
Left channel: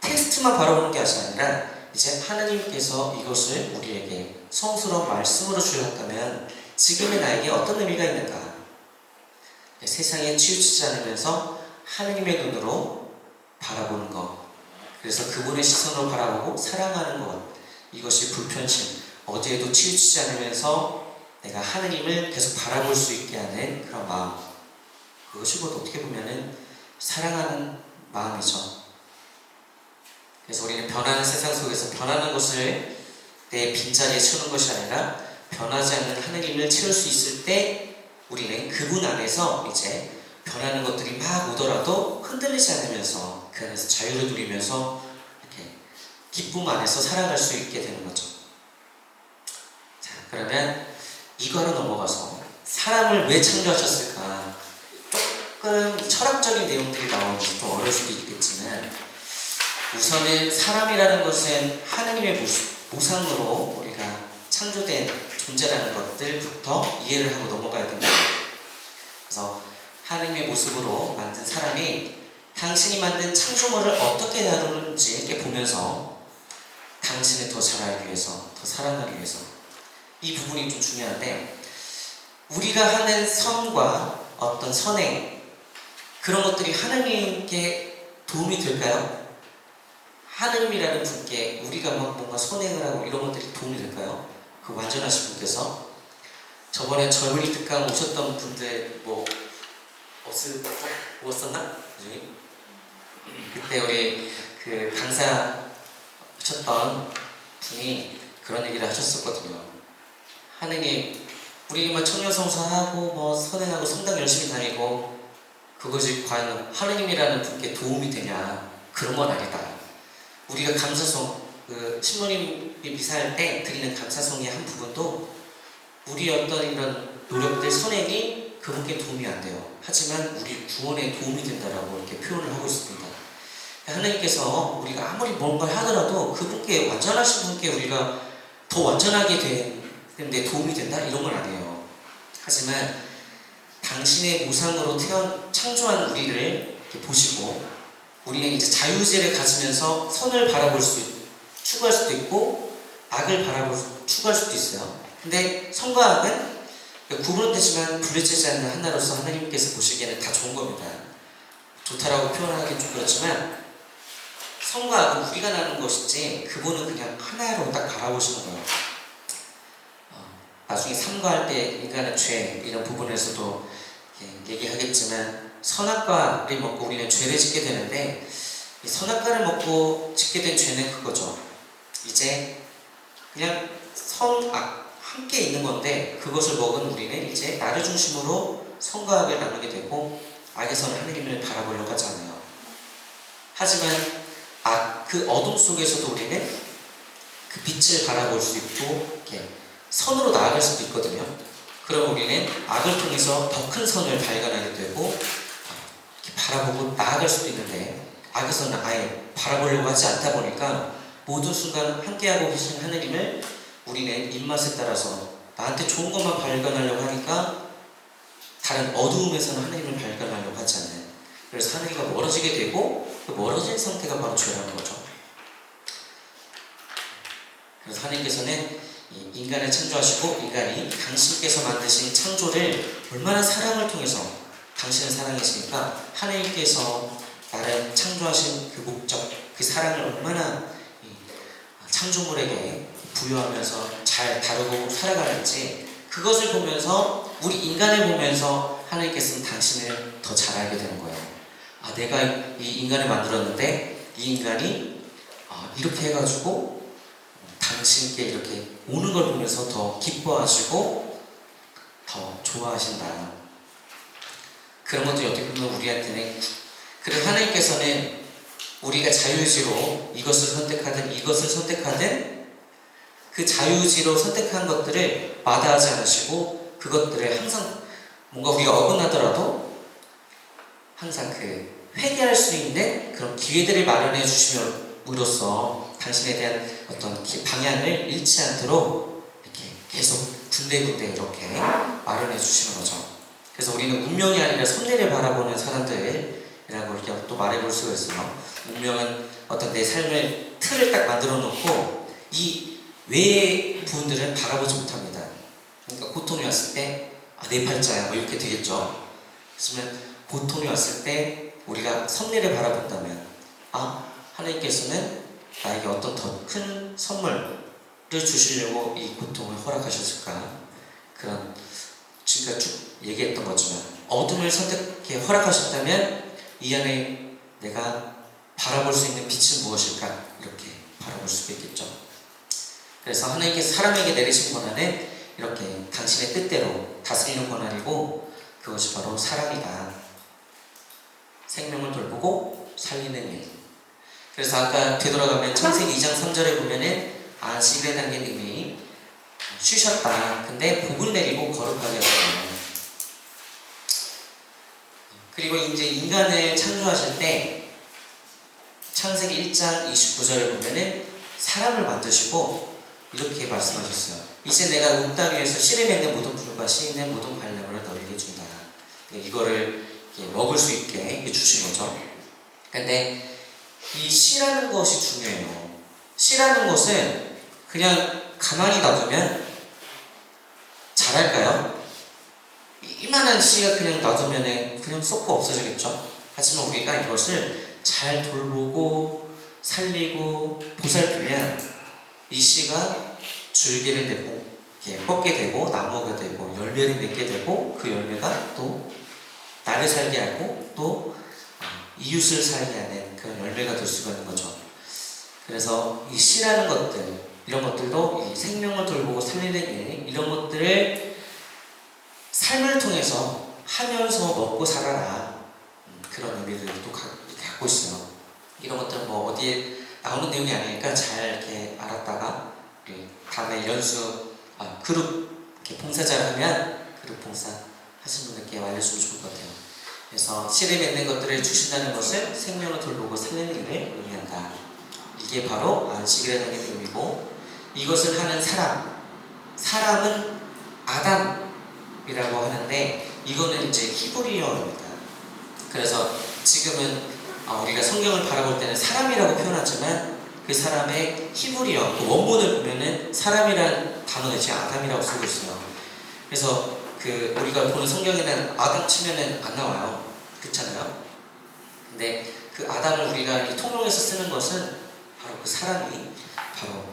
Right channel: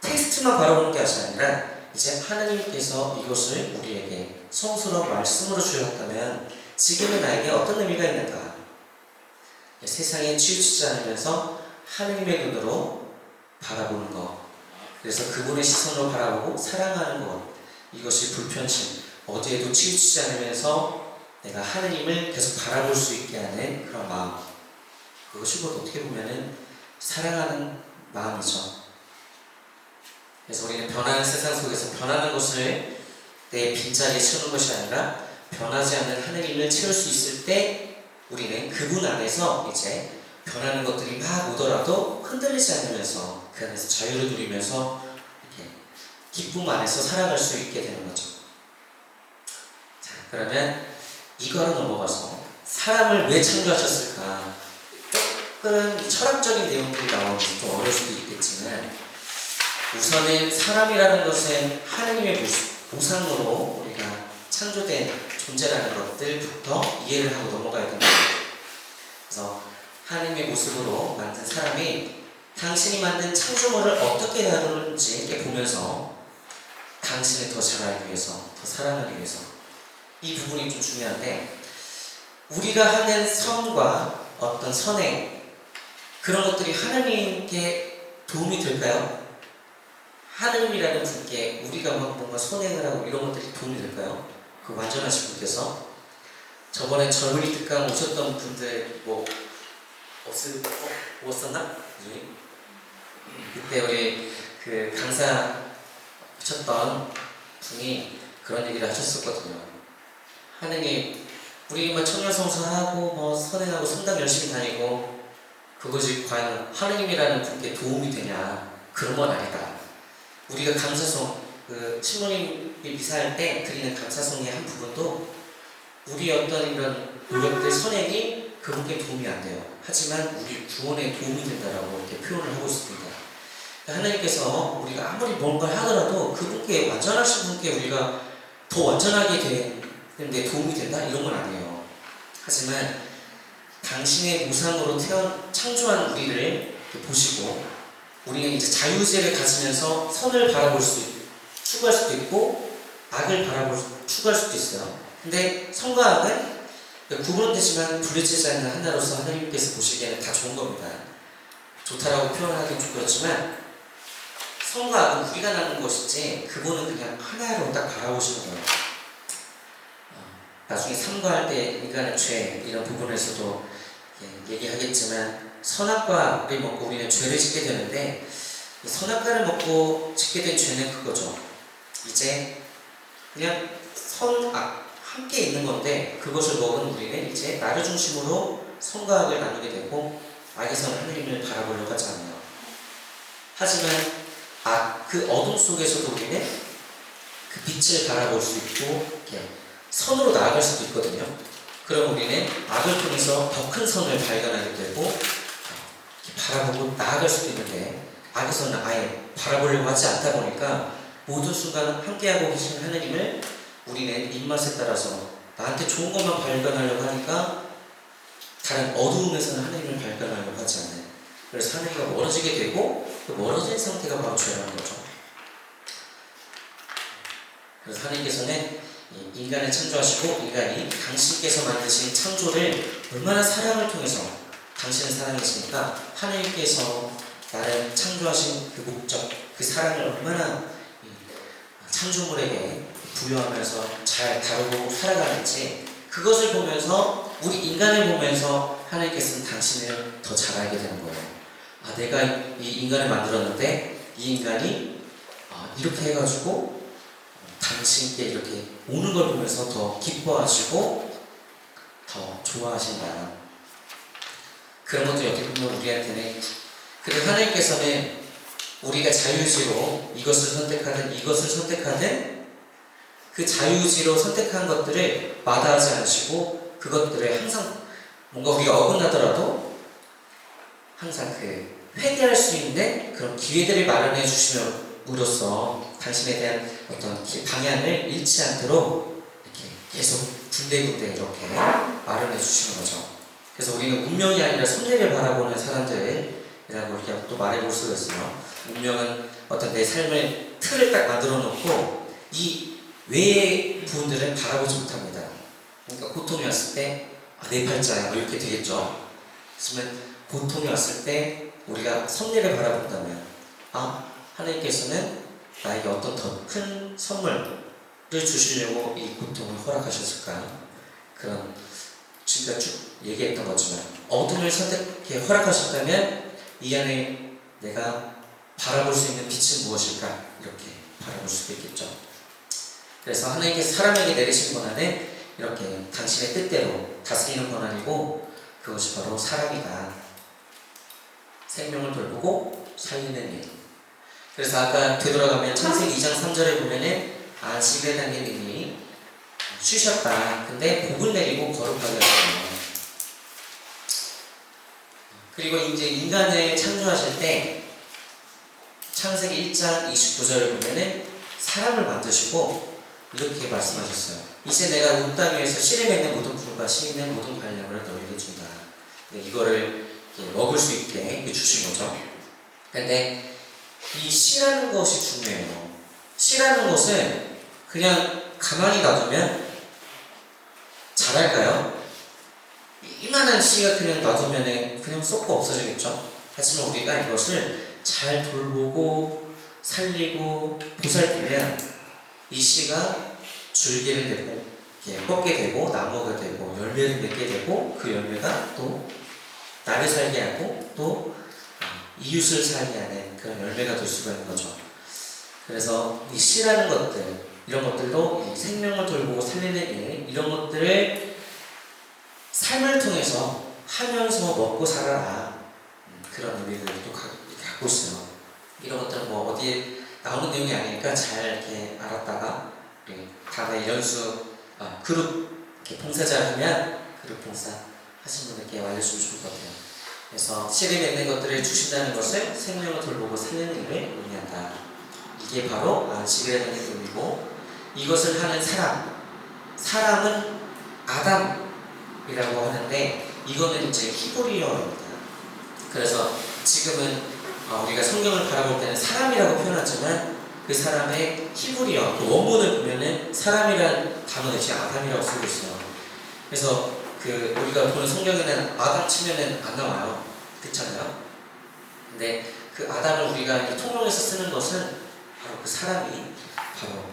텍스트만 바라보는 게 아니라 이제 하나님께서 이것을 우리에게 성스러운 말씀으로 주셨다면 지금의 나에게 어떤 의미가 있는가? 세상에 치우치지 않으면서 하나님의 눈으로 바라보는 것, 그래서 그분의 시선으로 바라보고 사랑하는 것, 이것이 불편심, 어디에도 치우치지 않으면서 내가 하느님을 계속 바라볼 수 있게 하는 그런 마음, 그것이 곧 어떻게 보면은 사랑하는 마음이죠. 그래서 우리는 변하는 세상 속에서 변하는 것을 내 빈자리에 채우는 것이 아니라 변하지 않는 하느님을 채울 수 있을 때 우리는 그분 안에서 이제 변하는 것들이 막 오더라도 흔들리지 않으면서 그 안에서 자유를 누리면서 이렇게 기쁨 안에서 살아갈 수 있게 되는 거죠. 자, 그러면 이거로 넘어가서 사람을 왜 창조하셨을까? 조금 철학적인 내용들이 나오면 좀 어려울 수도 있겠지만, 우선은 사람이라는 것은 하나님의 모상으로 우리가 창조된 존재라는 것들부터 이해를 하고 넘어가야 됩니다. 그래서 하나님의 모습으로 만든 사람이 당신이 만든 창조물을 어떻게 다루는지 이렇게 보면서 당신을 더 잘 알기 위해서, 더 사랑하기 위해서, 이 부분이 좀 중요한데, 우리가 하는 선과 어떤 선행, 그런 것들이 하나님께 도움이 될까요? 하나님이라는 분께 우리가 뭔가 선행을 하고 이런 것들이 도움이 될까요? 그 완전하신 분께서 저번에 저희 특강 오셨던 분들 뭐 없었나? 그때 우리 그 강사 하셨던 분이 그런 얘기를 하셨었거든요. 하느님, 우리 뭐 청년성사하고 뭐 선행하고 성당 열심히 다니고 그것이 과연 하느님이라는 분께 도움이 되냐? 그런 건 아니다. 우리가 감사송, 그 신부님이 미사할 때 드리는 감사송의 한 부분도 우리 어떤 이런 노력들 선행이 그분께 도움이 안 돼요. 하지만 우리 구원에 도움이 된다라고 이렇게 표현을 하고 있습니다. 하나님께서 우리가 아무리 뭔가 하더라도 그분께 완전하신 분께 우리가 더 완전하게 되는데 도움이 된다? 이런 건 아니에요. 하지만 당신의 무상으로 창조한 우리를 보시고 우리는 이제 자유의지를 가지면서 선을 추구할 수도 있고 악을 추구할 수도 있어요. 근데 선과 악은 구분되지만 분리되지 않는 하나로서 하나님께서 보시기에는 다 좋은 겁니다. 좋다라고 표현하기는 좀 그렇지만 선과 악은 우리가 나눈 것이지 그분은 그냥 하나로 딱 바라보시는 거예요. 나중에 삼가할 때 인간의 죄 이런 부분에서도 얘기하겠지만 선악과를 먹고 우리는 죄를 짓게 되는데 선악과를 먹고 짓게 된 죄는 그거죠. 이제 그냥 선악 함께 있는 건데 그것을 먹은 우리는 이제 나를 중심으로 선과 악을 나누게 되고 악에서는 하나님을 바라보려고 하지 않아요. 하지만 그 어둠 속에서도 우리는 그 빛을 바라볼 수 있고 선으로 나아갈 수도 있거든요. 그럼 우리는 악을 통해서 더 큰 선을 발견하게 되고 바라보고 나아갈 수도 있는데 악에서는 아예 바라보려고 하지 않다 보니까 모든 순간 함께하고 계신 하나님을 우리는 입맛에 따라서 나한테 좋은 것만 발견하려고 하니까 다른 어두움에서는 하나님을 발견하려고 하지 않아요. 그래서 하나님과 멀어지게 되고 그 멀어진 상태가 바로 죄라는 거죠. 그래서 하나님께서는 인간을 창조하시고 인간이 당신께서 만드신 창조를 얼마나 사랑을 통해서 당신을 사랑하시니까 하나님께서 나를 창조하신 그 목적, 그 사랑을 얼마나 창조물에게 부여하면서 잘 다루고 살아가는지 그것을 보면서 우리 인간을 보면서 하나님께서는 당신을 더 잘 알게 되는 거예요. 내가 이 인간을 만들었는데 이 인간이 이렇게 해가지고 당신께 이렇게 오는 걸 보면서 더 기뻐하시고 더 좋아하신다. 그런 것들이 어떻게 보면 우리한테는 그런 하나님께서는 우리가 자유의지로 이것을 선택하든 그 자유의지로 선택한 것들을 마다하지 않으시고 그것들을 항상 뭔가 우리가 어긋나더라도 항상 회개할 수 있는 그런 기회들을 마련해 주심으로써 당신에 대한 어떤 방향을 잃지 않도록 이렇게 계속 군데군데 이렇게 마련해 주시는 거죠. 그래서 우리는 운명이 아니라 섭리를 바라보는 사람들이라고 우리가 또 말해볼 수가 있어요. 운명은 어떤 내 삶의 틀을 딱 만들어 놓고 이 외의 부분들은 바라보지 못합니다. 그러니까 고통이 왔을 때 내 팔자야 뭐 이렇게 되겠죠. 하지만 고통이 왔을 때 우리가 섭리를 바라본다면 하나님께서는 나에게 어떤 더 큰 선물을 주시려고 이 고통을 허락하셨을까? 그런 지금까지 쭉 얘기했던 거지만 어둠을 선택해 허락하셨다면 이 안에 내가 바라볼 수 있는 빛은 무엇일까? 이렇게 바라볼 수 있겠죠. 그래서 하나님께서 사람에게 내리신 권한은 이렇게 당신의 뜻대로 다스리는 권한이고 그것이 바로 사랑이다. 생명을 돌보고 살리는 일. 그래서 아까 되돌아가면 창세기 2장 3절에 보면은 안식일에 당신이 쉬셨다. 근데 복을 내리고 거룩하게 하셨어요. 그리고 이제 인간을 창조하실 때 창세기 1장 29절에 보면은 사람을 만드시고 이렇게 말씀하셨어요. 이제 내가 온 땅 위에서 씨를 맺는 모든 풀과 씨 있는 모든 발령을 너에게 준다. 이거를 먹을 수 있게 주신 거죠. 근데 이 씨라는 것이 중요해요. 씨라는 것은 그냥 가만히 놔두면 자랄까요? 이만한 씨가 그냥 놔두면 그냥 썩고 없어지겠죠. 하지만 우리가 이것을 잘 돌보고 살리고 보살피면 이 씨가 줄기를 내고 뻗게 되고 나무가 되고 열매를 맺게 되고 그 열매가 또 나를 살게 하고 또 이웃을 살게 하는 그런 열매가 될 수가 있는 거죠. 그래서 이 씨라는 것들, 이런 것들도 이 생명을 돌보고 살리는 일, 이런 것들을 삶을 통해서 하면서 먹고 살아라, 그런 의미를 또 갖고 있어요. 이런 것들은 뭐 어디에 나오는 내용이 아니니까 잘 이렇게 알았다가 우리 다음에 그룹 이렇게 봉사자 하면 그룹 봉사 하시는 분들께 알려주면 좋을 것 같아요. 그래서 씨를 맺는 것들을 주신다는 것을 생명을 돌보고 살리는 일을 의미한다. 이게 바로 안식이라는 의미고, 이것을 하는 사람은 아담이라고 하는데, 이거는 이제 히브리어입니다. 그래서 지금은 우리가 성경을 바라볼 때는 사람이라고 표현하지만 그 사람의 히브리어 원문을 보면은 사람이라는 단어는 지금 아담이라고 쓰고 있어요. 그래서 우리가 보는 성경에는 아담 치면은 안 나와요. 그렇잖아요. 근데 그 아담을 우리가 이 통용해서 쓰는 것은 바로 그 사람이 바로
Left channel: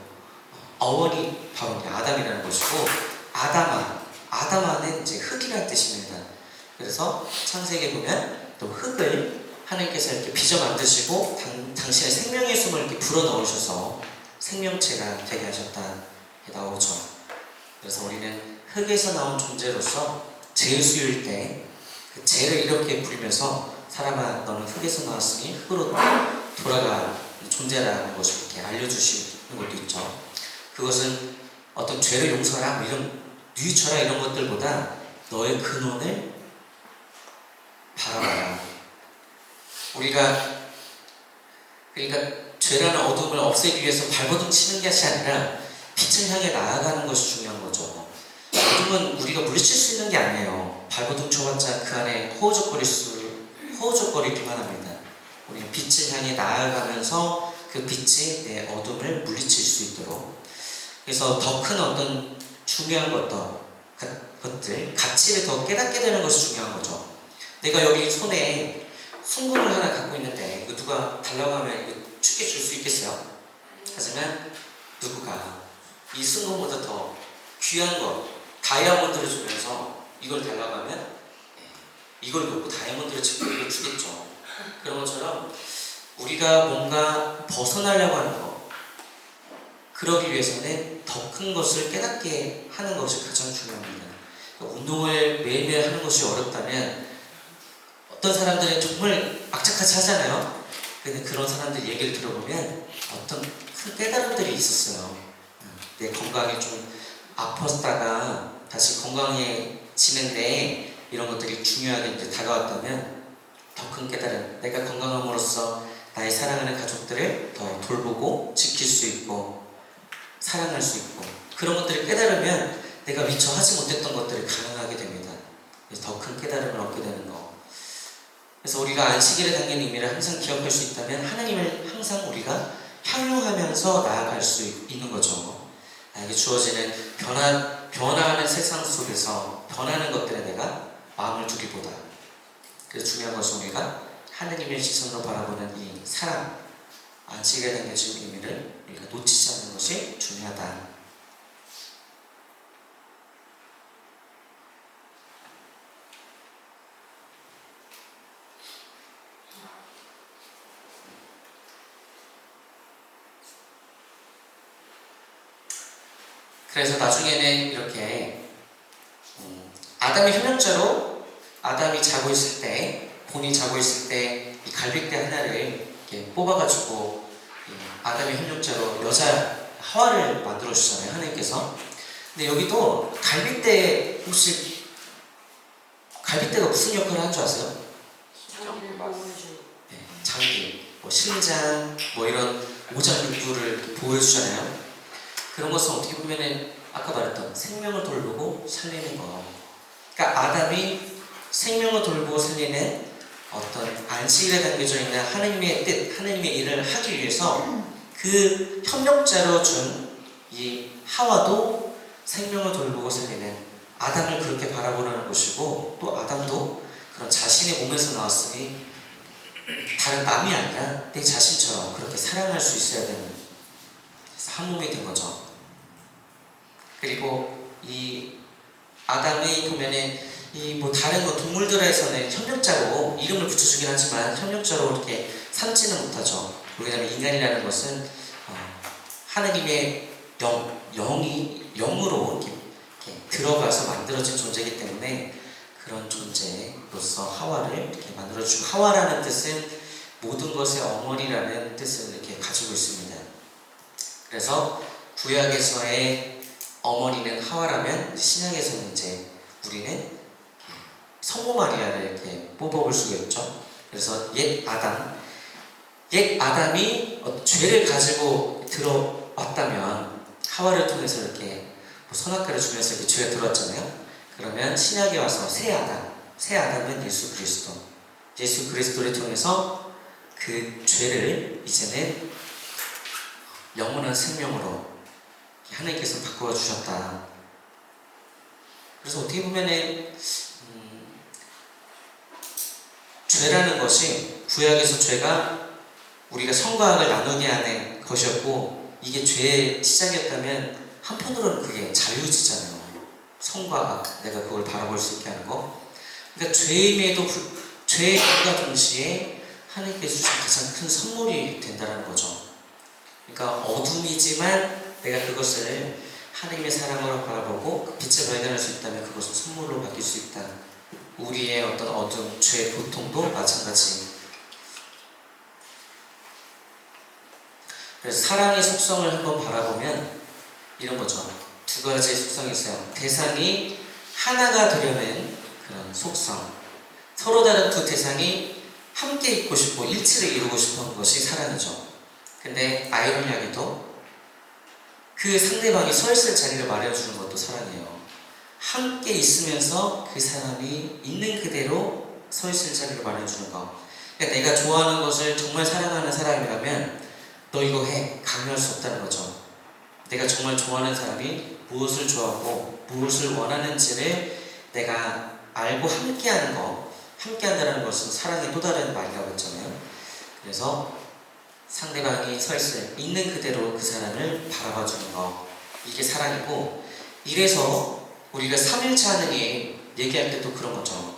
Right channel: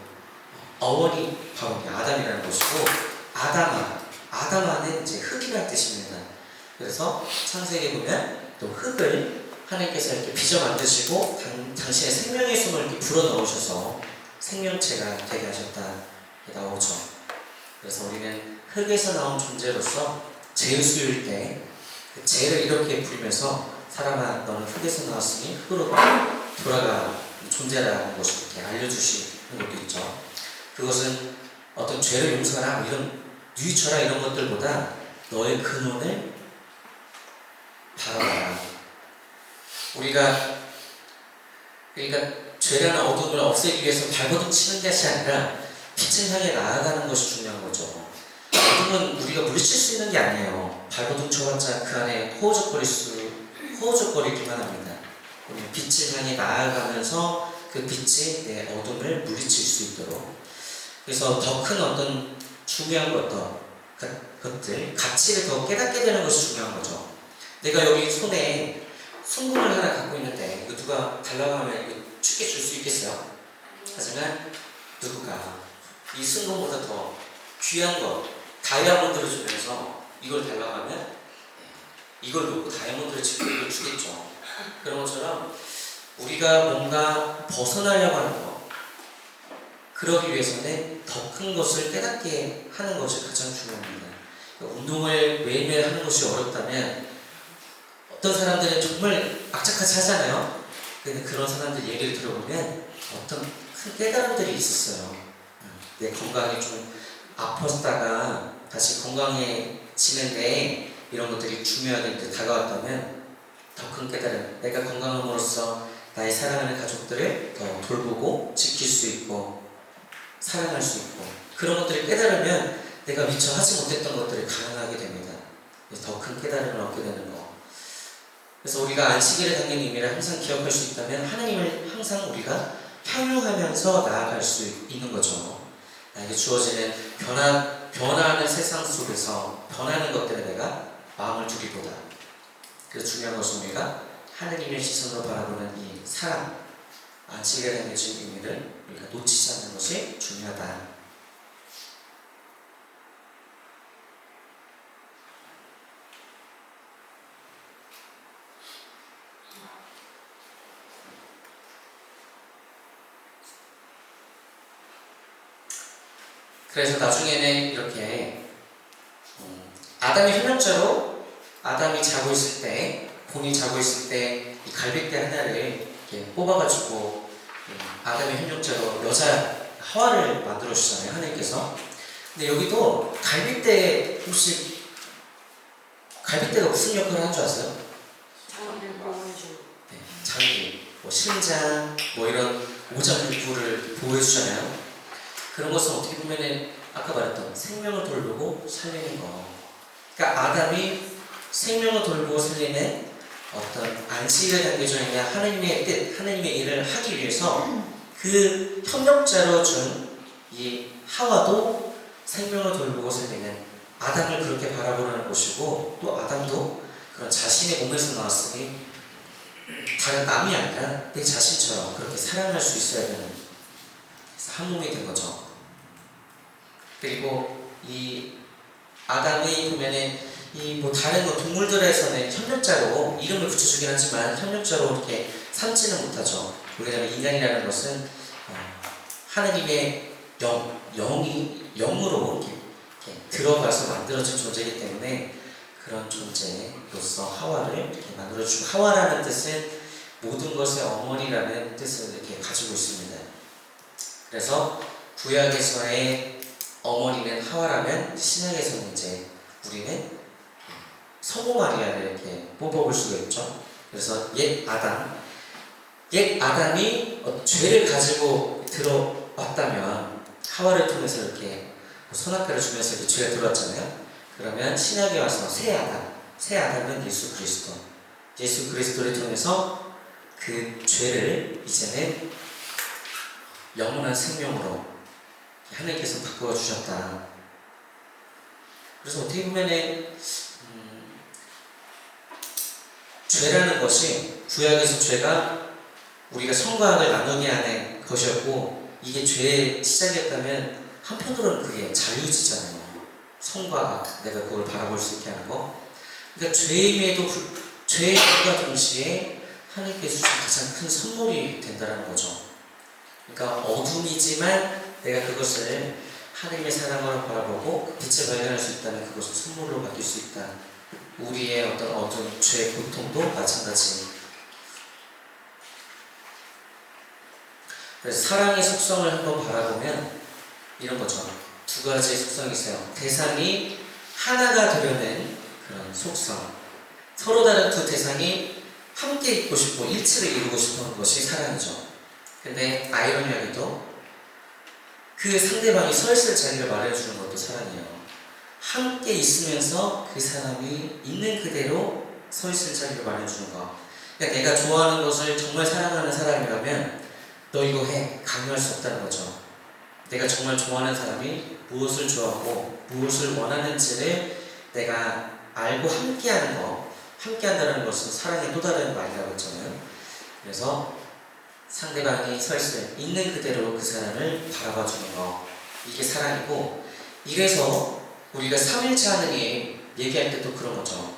어원이 바로 아담이라는 것이고, 아담아는 이제 흙이라는 뜻입니다. 그래서 창세기에 보면 또 흙을 하나님께서 이렇게 빚어 만드시고 당신의 생명의 숨을 이렇게 불어 넣으셔서 생명체가 되게 하셨다, 이렇게 나오죠. 그래서 우리는 흙에서 나온 존재로서 죄의 수일 때 그 죄를 이렇게 부리면서 사람아 너는 흙에서 나왔으니 흙으로 돌아가 존재라는 것을 이렇게 알려주시는 것도 있죠. 그것은 어떤 죄를 용서하라 뭐 이런 뉘우쳐라 이런 것들보다 너의 근원을 바라봐라. 그러니까 죄라는 어둠을 없애기 위해서 발버둥 치는 것이 아니라 빛을 향해 나아가는 것이 중요한 거죠. 어둠은 우리가 물리칠 수 있는 게 아니에요. 발버둥 쳐봤자 그 안에 허우적거리기만 합니다. 우리는 빛을 향해 나아가면서 그 빛이 내 어둠을 물리칠 수 있도록, 그래서 더 큰 어떤 중요한 것들, 가치를 더 깨닫게 되는 것이 중요한 거죠. 내가 여기 손에 순금을 하나 갖고 있는데 이거 누가 달라고 하면 이거 쉽게 줄 수 있겠어요? 하지만 누구가 이 순금보다 더 귀한 것, 다이아몬드를 주면서 이걸 달라고 하면 이걸 놓고 다이아몬드를 찍고 이걸 주겠죠. 그런 것처럼 우리가 뭔가 벗어나려고 하는 것, 그러기 위해서는 더 큰 것을 깨닫게 하는 것이 가장 중요합니다. 운동을 매일매일 하는 것이 어렵다면 어떤 사람들은 정말 악착같이 하잖아요. 근데 그런 사람들 얘기를 들어보면 어떤 큰 깨달음들이 있었어요. 내 건강이 좀 아팠다가 다시 건강해지는데 이런 것들이 중요하게 이제 다가왔다면 더 큰 깨달음, 내가 건강함으로써 나의 사랑하는 가족들을 더 돌보고 지킬 수 있고 사랑할 수 있고, 그런 것들을 깨달으면 내가 미처 하지 못했던 것들을 가능하게 됩니다. 더 큰 깨달음을 얻게 되는 거. 그래서 우리가 안식일에 담긴 의미를 항상 기억할 수 있다면 하나님을 항상 우리가 향유하면서 나아갈 수 있는 거죠. 나에게 주어지는 변화하는 세상 속에서 변하는 것들에 내가 마음을 두기보다, 그래서 중요한 것은 우리가 하나님의 시선으로 바라보는 이 사랑, 안식일에 담겨진 의미를 우리가 놓치지 않는 것이 중요하다. 그래서 나중에는 이렇게 아담의 현역자로 아담이 자고 있을 때, 본인이 자고 있을 때 이 갈빗대 하나를 이렇게 뽑아가지고 아담의 현역자로 여자 하와를 만들어 주잖아요, 하나님께서. 근데 여기도 갈빗대, 혹시 갈빗대가 무슨 역할을 하는 줄 아세요? 장기를 보호해주는. 네, 장기, 신장, 이런 오장육부를 보호해주잖아요. 그런 것은 어떻게 보면은 아까 말했던 생명을 돌보고 살리는 거. 그러니까 아담이 생명을 돌보고 살리는 어떤 안식일에 담겨져 있는 하나님의 뜻, 하나님의 일을 하기 위해서 그 협력자로 준 이 하와도 생명을 돌보고 살리는 아담을 그렇게 바라보는 것이고, 또 아담도 그런 자신의 몸에서 나왔으니 다른 남이 아니라 내 자신처럼 그렇게 사랑할 수 있어야 되는, 한 몸이 된 거죠. 그리고 이 아담의 보면은 이 뭐 다른 뭐 동물들에서는 협력자로 이름을 붙여주긴 하지만 협력자로 이렇게 삼지는 못하죠. 왜냐하면 인간이라는 것은 하나님의 영으로 이렇게 들어가서 만들어진 존재이기 때문에 그런 존재로서 하와를 이렇게 만들어주고, 하와라는 뜻은 모든 것의 어머니라는 뜻을 이렇게 가지고 있습니다. 그래서 구약에서의 어머니는 하와라면 신약에서는 이제 우리는 성모 마리아를 이렇게 뽑아볼 수가 있죠. 그래서 옛 아담이 죄를 가지고 들어왔다면 하와를 통해서 이렇게 선악과를 주면서 이렇게 죄가 들어왔잖아요. 그러면 신약에 와서 새 아담은 예수 그리스도를 통해서 그 죄를 이제는 영원한 생명으로 하나님께서 바꾸어 주셨다. 그래서 어떻게 보면은 죄라는 것이, 구약에서 죄가 우리가 선과 악을 나누게 하는 것이었고, 이게 죄의 시작이었다면 한편으로는 그게 자유지잖아요. 선과 악, 내가 그걸 바라볼 수 있게 하는 거. 그러니까 죄임과 동시에 하나님께서 주신 가장 큰 선물이 된다는 거죠. 그러니까 어둠이지만 내가 그것을 하나님의 사랑으로 바라보고 그 빛을 발견할 수 있다면 그것을 선물로 받을 수 있다. 우리의 어떤 어둠, 죄, 고통도 마찬가지. 그래서 사랑의 속성을 한번 바라보면 이런 거죠. 두 가지의 속성이 있어요. 대상이 하나가 되려는 그런 속성. 서로 다른 두 대상이 함께 있고 싶고 일치를 이루고 싶은 것이 사랑이죠. 근데 아이러니하게도 그 상대방이 서 있을 자리를 마련해주는 것도 사랑이에요. 함께 있으면서 그 사람이 있는 그대로 서 있을 자리를 마련해주는 거. 그러니까 내가 좋아하는 것을 정말 사랑하는 사람이라면 너 이거 해, 강요할 수 없다는 거죠. 내가 정말 좋아하는 사람이 무엇을 좋아하고 무엇을 원하는지를 내가 알고 함께한다는 것은 사랑의 또 다른 말이라고 했잖아요. 그래서 상대방이 서 있는 그대로 그 사람을 바라봐주는 거, 이게 사랑이고, 이래서 우리가 삼일체 하느님 얘기할 때도 그런 거죠.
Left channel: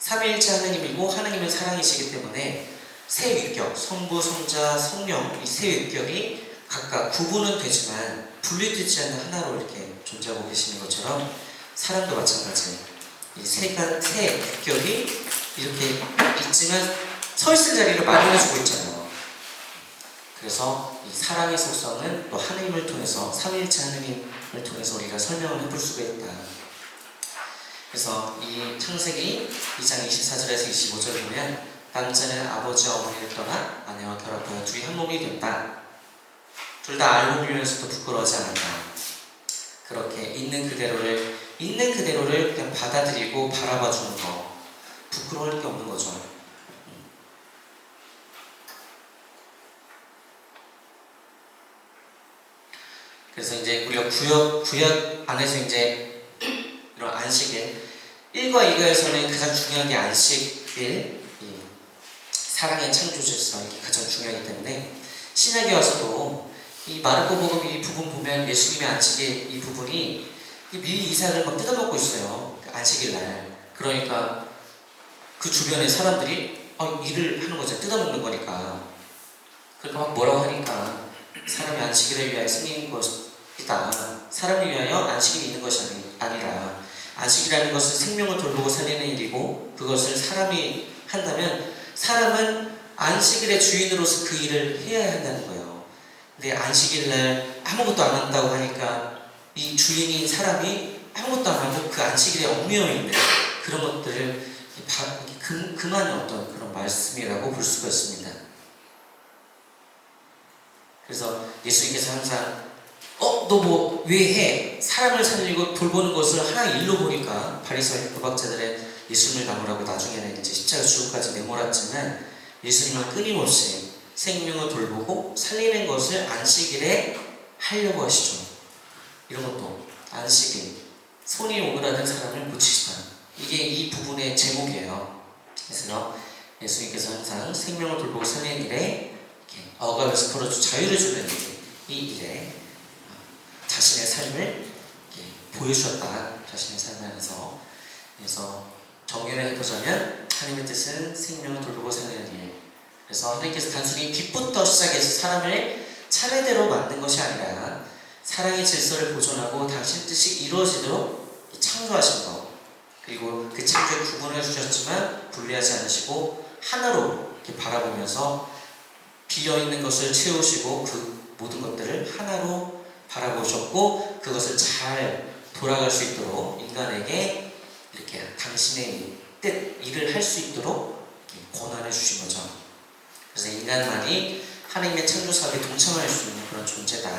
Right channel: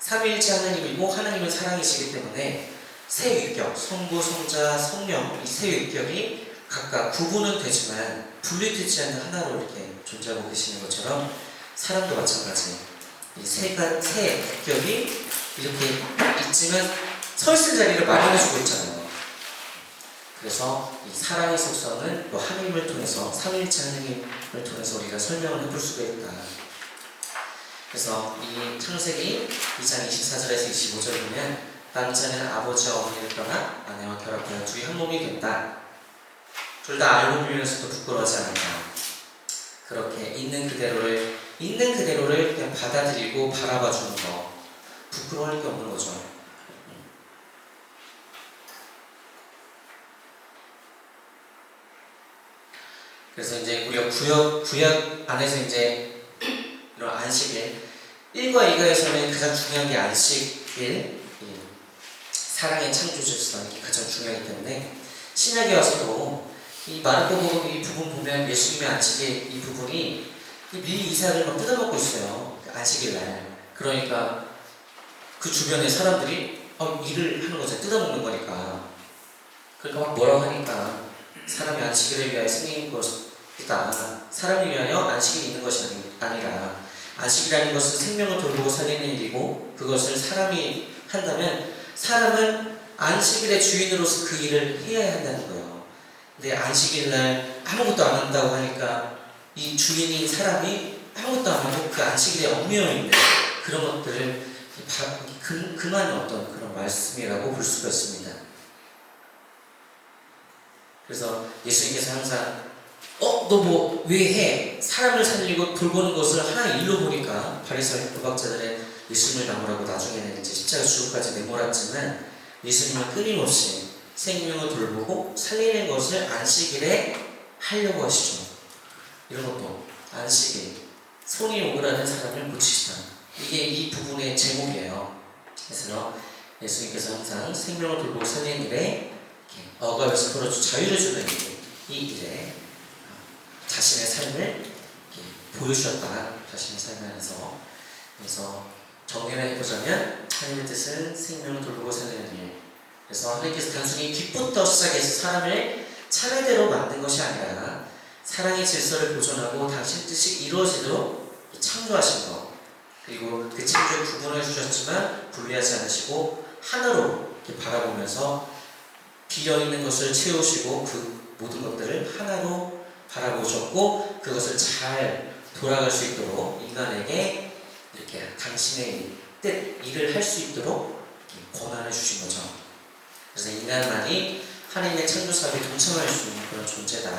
삼일체 하느님이고 하느님은 사랑이시기 때문에 세 위격, 성부, 성자, 성령, 이 세 위격이 각각 구분은 되지만 분리되지 않는 하나로 이렇게 존재하고 계시는 것처럼 사랑도 마찬가지. 이 세 위격이 이렇게 있지만 서 있을 자리를 마련해주고 있잖아요. 그래서 이 사랑의 속성은 또 하나님을 통해서, 삼위일체 하나님을 통해서 우리가 설명을 해볼 수가 있다. 그래서 이 창세기 2장 24절에서 25절을 보면 남자는 아버지와 어머니를 떠나 아내와 결합하여 둘이 한 몸이 된다. 둘 다 알고 보면서도 부끄러워하지 않는다. 그렇게 있는 그대로를 그냥 받아들이고 바라봐주는 거, 부끄러워할 게 없는 거죠. 그래서 이제 우리가 구약 안에서 이제 이런 안식일 1과 2가에서는 가장 중요한 게 안식일, 사랑의 창조주성이 가장 중요하기 때문에 신약에 와서도 이 마르코복음 이 부분 보면 예수님의 안식일 이 부분이 미리 이삭을 막 뜯어먹고 있어요. 안식일 날. 그러니까 그 주변의 사람들이 일을 하는 거죠. 뜯어먹는 거니까. 그러니까 막 뭐라고 하니까 사람이 안식일을 위하여 생긴 것이다. 사람을 위하여 안식일이 있는 것이 아니라 안식이라는 것은 생명을 돌보고 살리는 일이고, 그것을 사람이 한다면 사람은 안식일의 주인으로서 그 일을 해야 한다는 거예요. 근데 안식일날 아무것도 안 한다고 하니까 이 주인인 사람이 아무것도 안 하고 그 안식일에 얽매여 있는 그런 것들을 금한 어떤 그런 말씀이라고 볼 수가 있습니다. 그래서 예수님께서 항상 너 뭐 왜 해? 사람을 살리고 돌보는 것을 하나의 일로 보니까 바리새인 도박자들은 예수님을 나무라고 나중에는 이제 십자가 죽음까지 내몰았지만 예수님은 끊임없이 생명을 돌보고 살리는 것을 안식일에 하려고 하시죠. 이런 것도 안식일, 손이 오그라든 사람을 고치시다. 이게 이 부분의 제목이에요. 그래서 예수님께서 항상 생명을 돌보고 살리는 일에 억압에서 풀어주 자유를 주는 이 일에 자신의 삶을 보여주셨다. 자신의 삶 안에서. 그래서 정리를 해보자면 하나님의 뜻은 생명 돌보고 살리는 일. 그래서 하나님께서 단순히 기쁨부터 시작해서 사람을 차례대로 만든 것이 아니라 사랑의 질서를 보존하고 당신 뜻이 이루어지도록 창조하신 것. 그리고 그 창조를 구분해 주셨지만 분리하지 않으시고 하나로 이렇게 바라보면서 비어있는 것을 채우시고 그 모든 것들을 하나로 바라보셨고 그것을 잘 돌아갈 수 있도록 인간에게 이렇게 당신의 뜻, 일을 할 수 있도록 권한을 주신 거죠. 그래서 인간만이 하나님의 창조 사업에 동참할 수 있는 그런 존재다.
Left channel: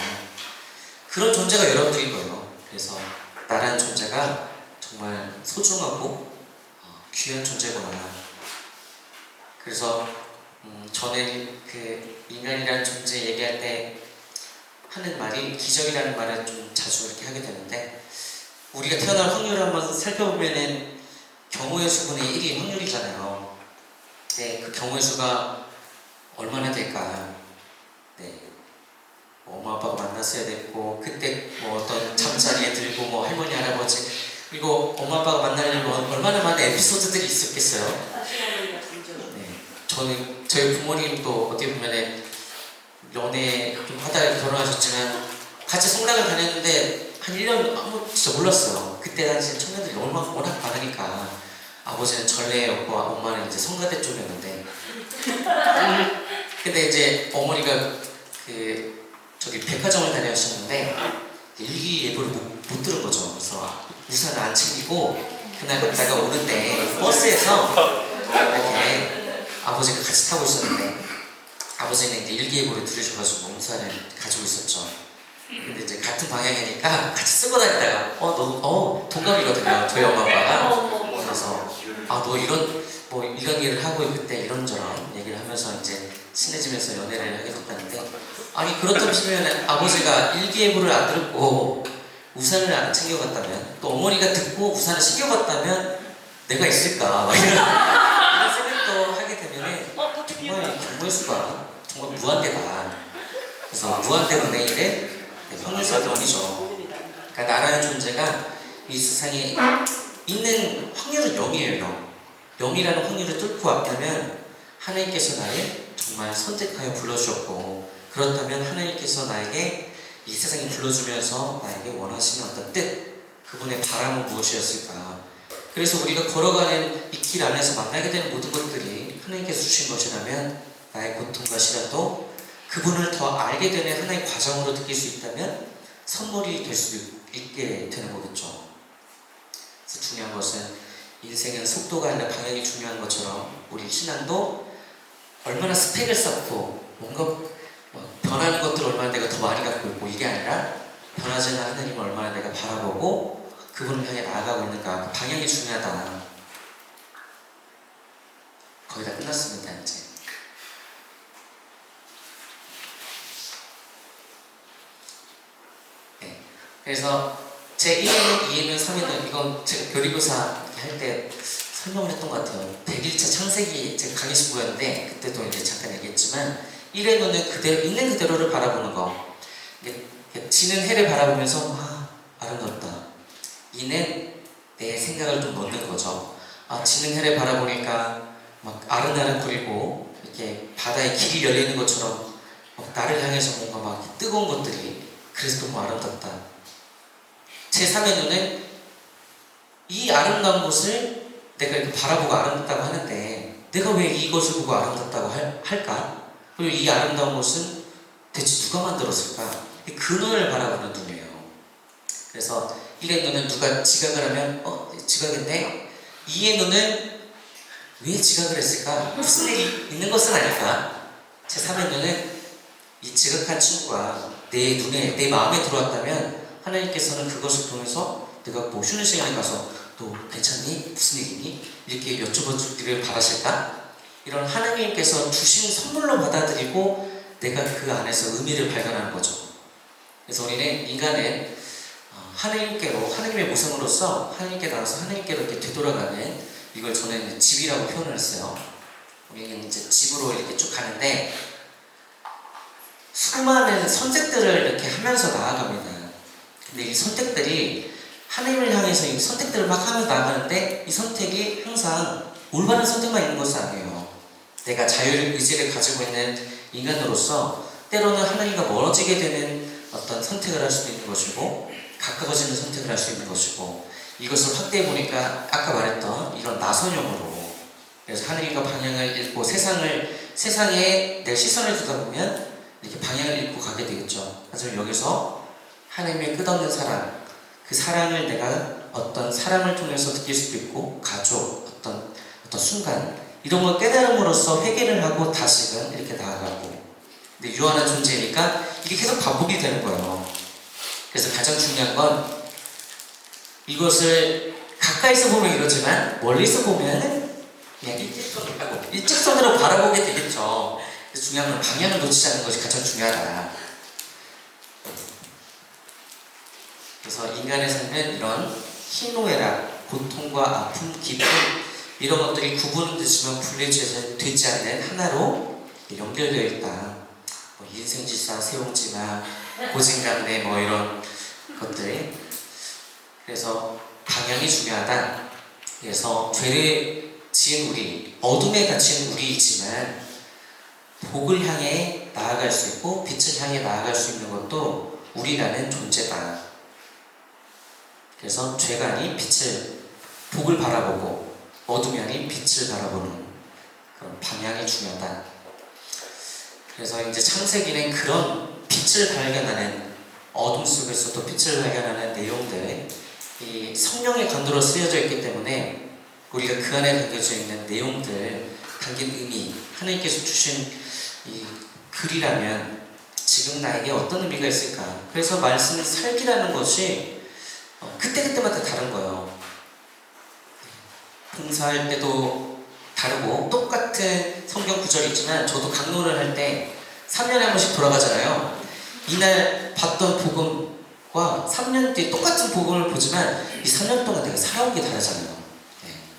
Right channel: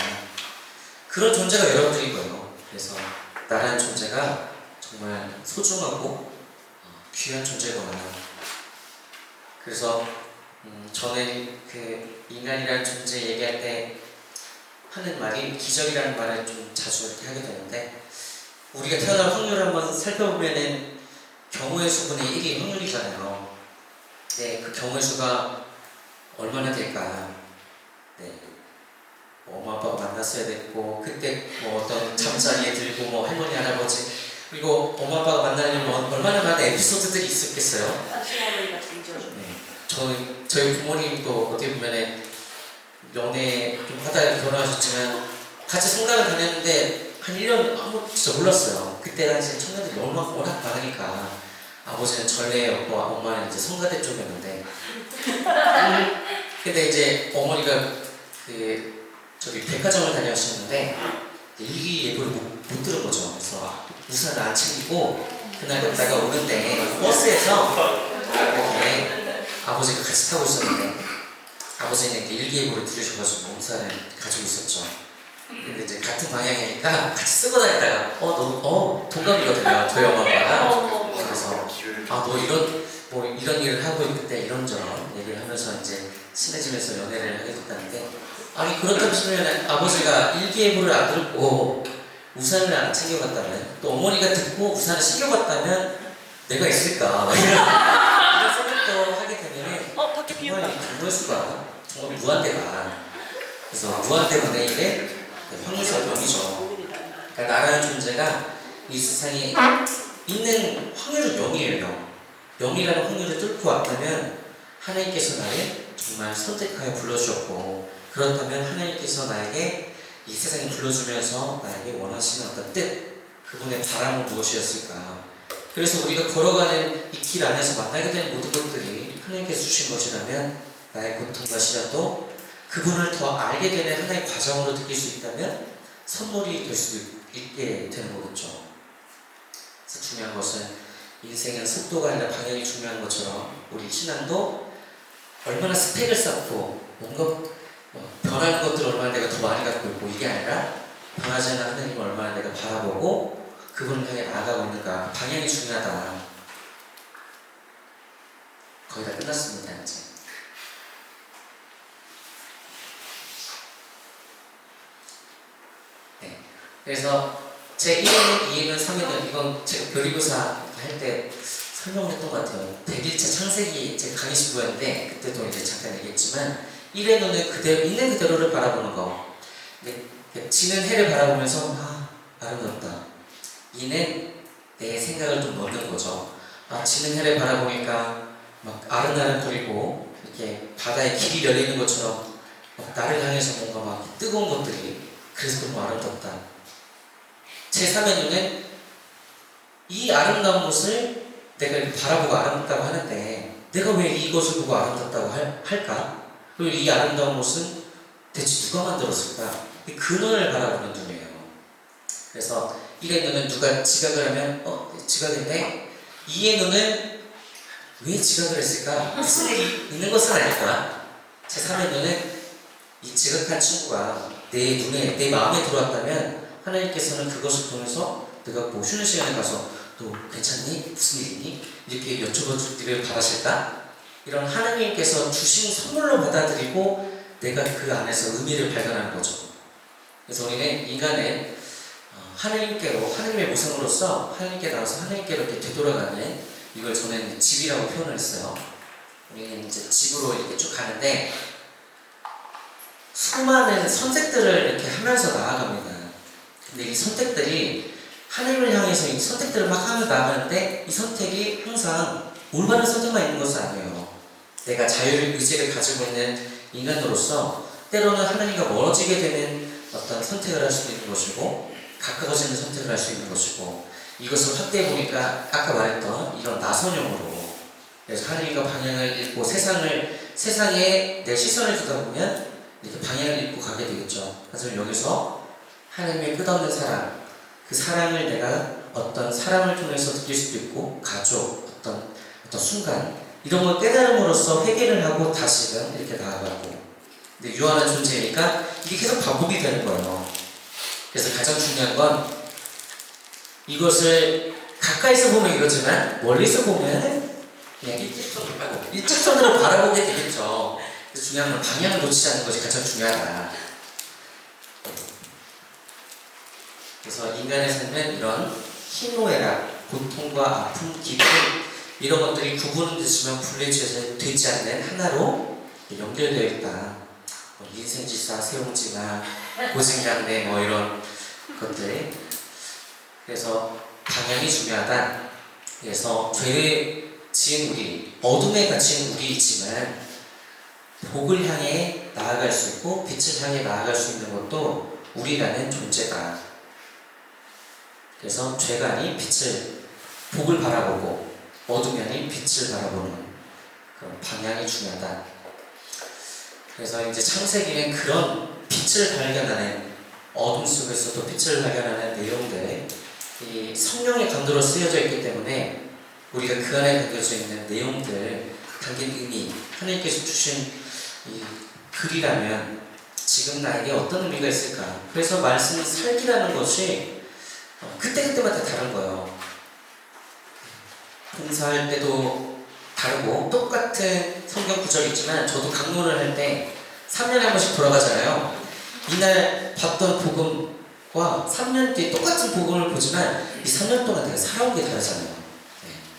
그런 존재가 여러분들인 거예요. 그래서 나라는 존재가 정말 소중하고 귀한 존재구나. 그래서 저는 그 인간이라는 존재 얘기할 때 하는 말이 기적이라는 말을 좀 자주 이렇게 하게 되는데 우리가 태어날 확률을 한번 살펴보면은 경우의 수분의 1이 확률이잖아요. 네, 그 경우의 수가 얼마나 될까? 네, 엄마 아빠가 만났어야 됐고 그때 뭐 어떤 잠자리에 들고 뭐 할머니 할아버지 그리고 엄마 아빠가 만나려면 얼마나 많은 에피소드들이 있었겠어요. 사실어머니가 존재. 네, 저희 부모님도 어떻게 보면은 연애 좀 하다가 결혼하셨지만 같이 성당을 다녔는데 한 1년 아무 진짜 몰랐어요. 그때 당시 청년들이 워낙 많으니까 아버지는 전례였고 엄마는 이제 성가대 쪽이었는데 근데 이제 어머니가 그 저기 백화점을 다녀오셨는데 일기예보를 못 들은 거죠. 그래서 우산을 안 챙기고 그날 갔다가 오는데 버스에서 이렇게 아버지가 같이 타고 있었는데 아버지는 일기예보를 들으셔가지고 우산을 가지고 있었죠. 근데 이제 같은 방향이니까 같이 쓰고 다니다가 동갑이거든요. 저희 엄마가. 그래서 너 이런 일을 하고 있을 때 이런저런 얘기를 하면서 이제 친해지면서 연애를 하게 됐다는데 아니 그렇다고 치면 아버지가 일기예보를 안 듣고 우산을 안 챙겨갔다면 또 어머니가 듣고 우산을 챙겨갔다면 내가 있을까 이런 생각도 하게 되면 정말 부모의 수가 정말 무한대다. 그래서 무한대로 내일에 확률과 영이죠. 그러니까 나라는 존재가 이 세상에 있는 확률은 0이에요. 0이라는 확률을 뚫고 왔다면 하나님께서 나를 정말 선택하여 불러주셨고 그렇다면 하나님께서 나에게 이 세상에 불러주면서 나에게 원하시는 어떤 뜻 그분의 바람은 무엇이었을까. 그래서 우리가 걸어가는 이 길 안에서 만나게 되는 모든 것들이 하나님께서 주신 것이라면 나의 고통과 시련도 그분을 더 알게 되는 하나의 과정으로 느낄 수 있다면 선물이 될 수 있게 되는 거겠죠. 그래서 중요한 것은 인생은 속도가 아니라 방향이 중요한 것처럼 우리 신앙도 얼마나 스펙을 쌓고 뭔가 변하는 것들을 얼마나 내가 더 많이 갖고 있고 이게 아니라 변하지 않는 하나님을 얼마나 내가 바라보고 그분을 향해 나아가고 있는가 방향이 중요하다. 거의 다 끝났습니다 이제. 네. 그래서 제 1년, 2년, 3년 이건 제가 교리고사 할 때 설명을 했던 것 같아요. 100일차 창세기 제가 강의 수고였는데 그때도 이제 잠깐 얘기했지만 1회는 그대로 있는 그대로를 바라보는 거. 지는 해를 바라보면서 아름답다. 2는 내 생각을 좀 넣는 거죠. 지는 해를 바라보니까 막 아른아른거리고 이렇게 바다에 길이 열리는 것처럼 나를 향해서 뭔가 막 뜨거운 것들이 그래서 너무 아름답다. 제 3의 눈은 이 아름다운 것을 내가 이렇게 바라보고 아름답다고 하는데 내가 왜 이것을 보고 아름답다고 할까? 그리고 이 아름다운 것은 대체 누가 만들었을까? 그 눈을 바라보는 눈이에요. 그래서 1의 눈은 누가 지각을 하면 지각했네? 2의 눈은 왜 지각을 했을까? 무슨 일이 있는 것은 아닐까? 제 3의 눈은 이 지각한 친구가 내 눈에, 내 마음에 들어왔다면 하나님께서는 그것을 통해서 내가 뭐 쉬는 시간에 가서 너 괜찮니? 무슨 일이니? 이렇게 여쭤보기를 바라실까? 이런 하나님께서 주신 선물로 받아들이고 내가 그 안에서 의미를 발견하는 거죠. 그래서 우리는 인간은 하나님께로, 하나님의 모습으로서 하나님께 나와서 하나님께로 이렇게 되돌아가는 이걸 저는 집이라고 표현을 했어요. 우리는 이제 집으로 이렇게 쭉 가는데 수많은 선택들을 이렇게 하면서 나아갑니다. 근데 이 선택들이 하나님을 향해서 이 선택들을 막 하며 나가는데 이 선택이 항상 올바른 선택만 있는 것은 아니에요. 내가 자유의지를 가지고 있는 인간으로서 때로는 하나님과 멀어지게 되는 어떤 선택을 할 수도 있는 것이고 가까워지는 선택을 할 수 있는 것이고 이것을 확대해 보니까 아까 말했던 이런 나선형으로 그래서 하나님과 방향을 잃고 세상에 내 시선을 두다 보면 이렇게 방향을 잃고 가게 되겠죠. 하지만 여기서 하나님의 끝없는 사랑 그 사랑을 내가 어떤 사람을 통해서 느낄 수도 있고 가족 어떤 순간 이런 걸 깨달음으로써 회개를 하고 다시금 이렇게 나아가고 근데 유한한 존재니까 이게 계속 반복이 되는 거예요. 그래서 가장 중요한 건 이것을 가까이서 보면 이러지만 멀리서 보면 그냥 일직선으로 바라보게 되겠죠. 그래서 중요한 건 방향을 놓치지 않는 것이 가장 중요하다. 그래서 인간의 삶은 이런 희노애락, 고통과 아픔, 기쁨 이런 것들이 구분되지만 분리되지 않는 하나로 연결되어 있다. 인생지사, 세용지나 고생간대 이런 것들. 그래서 방향이 중요하다. 그래서 죄를 지은 우리, 어둠에 갇힌 우리이지만 복을 향해 나아갈 수 있고 빛을 향해 나아갈 수 있는 것도 우리라는 존재다. 그래서 죄가 아닌 복을 바라보고 어둠이 아닌 빛을 바라보는 그런 방향이 중요하다. 그래서 이제 창세기는 그런 빛을 발견하는 어둠 속에서도 빛을 발견하는 내용들 이 성령의 강도로 쓰여져 있기 때문에 우리가 그 안에 담겨져 있는 내용들 담긴 의미 하나님께서 주신 이 글이라면 지금 나에게 어떤 의미가 있을까? 그래서 말씀이 살기라는 것이 그때마다 다른 거예요. 봉사할 때도 다르고 똑같은 성경 구절이 있지만 저도 강론을 할 때 3년에 한 번씩 돌아가잖아요. 이날 봤던 복음과 3년 뒤에 똑같은 복음을 보지만 이 3년 동안 내가 살아온 게 다르잖아요.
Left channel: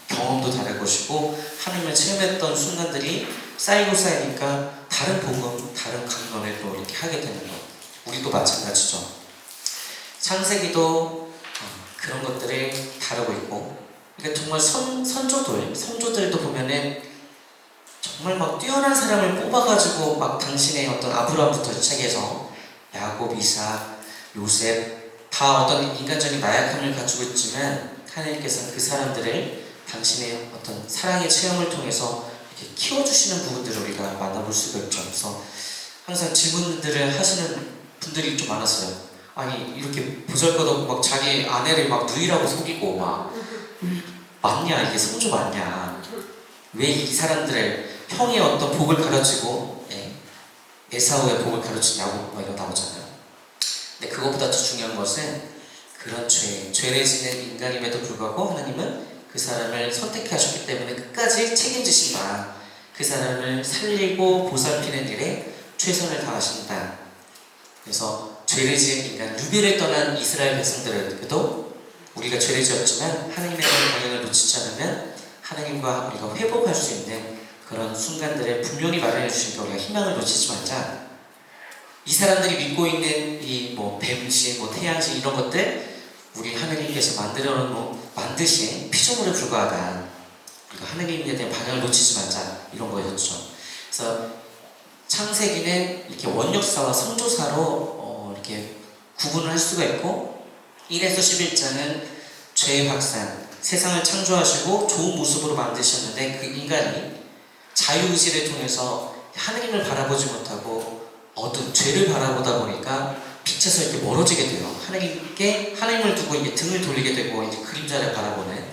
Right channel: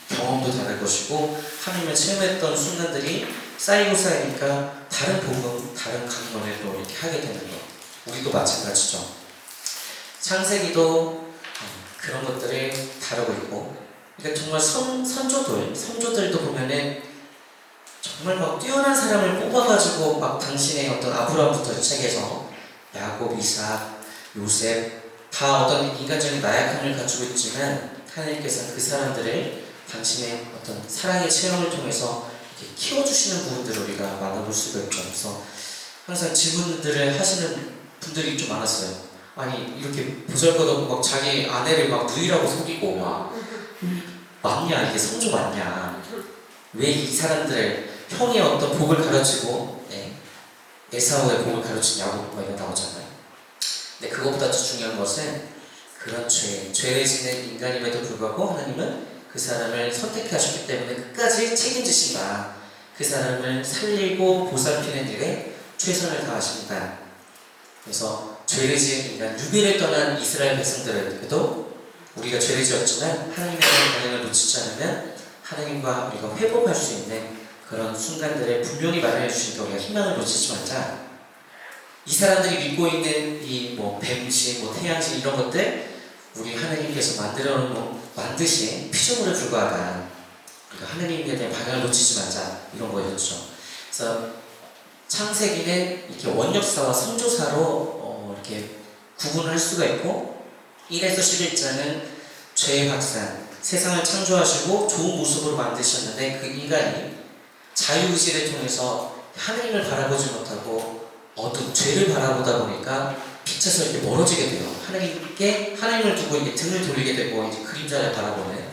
경험도 다를 것이고 하나님을 체험했던 순간들이 쌓이니까 다른 복음, 다른 강론을 또 이렇게 하게 되는 것. 우리도 마찬가지죠. 창세기도 그런 것들을 다루고 있고 그러니까 정말 선조들도 보면은 정말 막 뛰어난 사람을 뽑아가지고 막 당신의 어떤 아브라함부터 시작해서 야곱, 이삭, 요셉 다 어떤 인간적인 나약함을 가지고 있지만 하나님께서는 그 사람들을 당신의 어떤 사랑의 체험을 통해서 이렇게 키워주시는 부분들을 우리가 만나볼 수가 있죠. 그래서 항상 질문들을 하시는 분들이 좀 많았어요. 아니 이렇게 보잘것없고 막 자기 아내를 막 누이라고 속이고 막 맞냐 이게 성조 맞냐 왜 이 사람들의 형의 어떤 복을 가르치고 에사우의 복을 가르치냐고 이거 나오잖아요. 근데 그것보다 더 중요한 것은 그런 죄를 지는 인간임에도 불구하고 하나님은 그 사람을 선택하셨기 때문에 끝까지 책임지신다. 그 사람을 살리고 보살피는 일에 최선을 다하신다. 그래서 죄를 지은 인간, 유비를 떠난 이스라엘 백성들에게도 우리가 죄를 지었지만 하나님의 방향을 놓치지 않으면 하나님과 우리가 회복할 수 있는 그런 순간들을 분명히 마련해 주시니까 우리가 희망을 놓치지 말자. 이 사람들이 믿고 있는 이 뱀신, 태양신 이런 것들 우리 하나님께서 만드신 피조물에 불과하다. 우리가 하나님에 대한 방향을 놓치지 말자 이런 거였죠. 그래서 창세기는 이렇게 원역사와 선조사로 이렇게 구분을 할 수가 있고 1에서 11장은 죄의 확산, 세상을 창조하시고 좋은 모습으로 만드셨는데 그 인간이 자유의지를 통해서 하나님을 바라보지 못하고 어두운 죄를 바라보다 보니까 빛에서 이렇게 멀어지게 돼요. 하나님을 두고 이제 등을 돌리게 되고 이제 그림자를 바라보는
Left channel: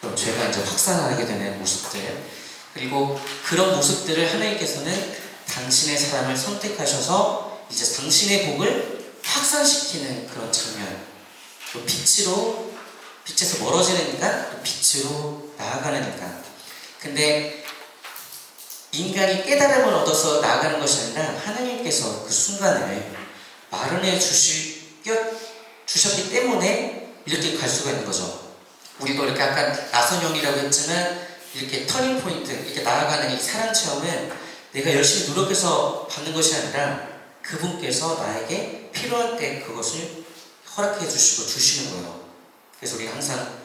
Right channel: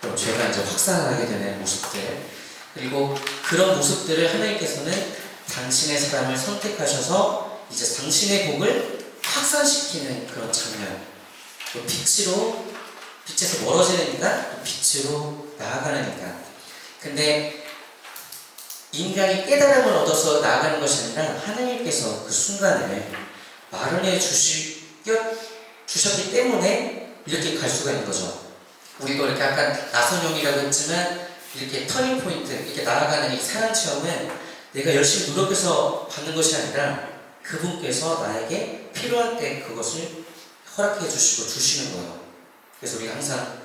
그런 죄가 이제 확산하게 되는 모습들. 그리고 그런 모습들을 하나님께서는 당신의 사람을 선택하셔서 이제 당신의 복을 확산시키는 그런 장면. 빛에서 멀어지는 인간, 빛으로 나아가는 인간. 근데 인간이 깨달음을 얻어서 나아가는 것이 아니라 하나님께서 그 순간을 마련해 주셨기 때문에 이렇게 갈 수가 있는 거죠. 우리도 이렇게 약간 나선형이라고 했지만 이렇게 터닝 포인트, 이렇게 나아가는 이 사랑 체험은 내가 열심히 노력해서 받는 것이 아니라 그분께서 나에게 필요할 때 그것을 허락해 주시고 주시는 거예요. 그래서 우리가 항상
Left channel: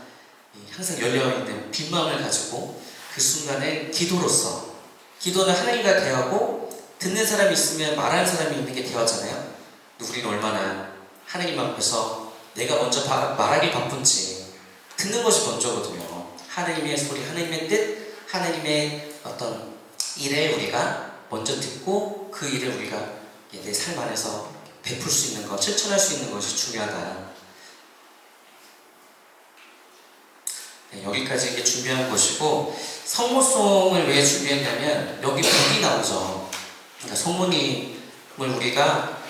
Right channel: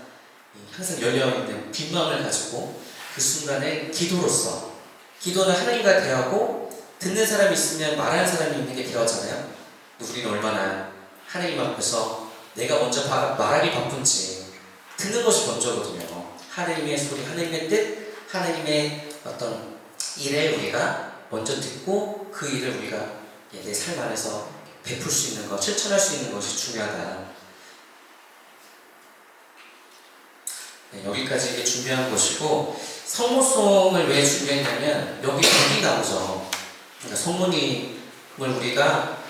열려있는 빈 마음을 가지고 그 순간에 기도로서 기도는 하나님과 대화고 듣는 사람이 있으면 말하는 사람이 있는 게 대화잖아요. 우리는 얼마나 하나님 앞에서 내가 먼저 말하기 바쁜지 듣는 것이 먼저거든요. 하나님의 소리, 하나님의 뜻, 하나님의 어떤 일을 우리가 먼저 듣고 그 일을 우리가 내 삶 안에서 베풀 수 있는 것, 실천할 수 있는 것이 중요하다. 네, 여기까지 이게 준비한 것이고, 성모송을 왜 준비했냐면 여기 복이 나오죠. 그러니까 성모님을 우리가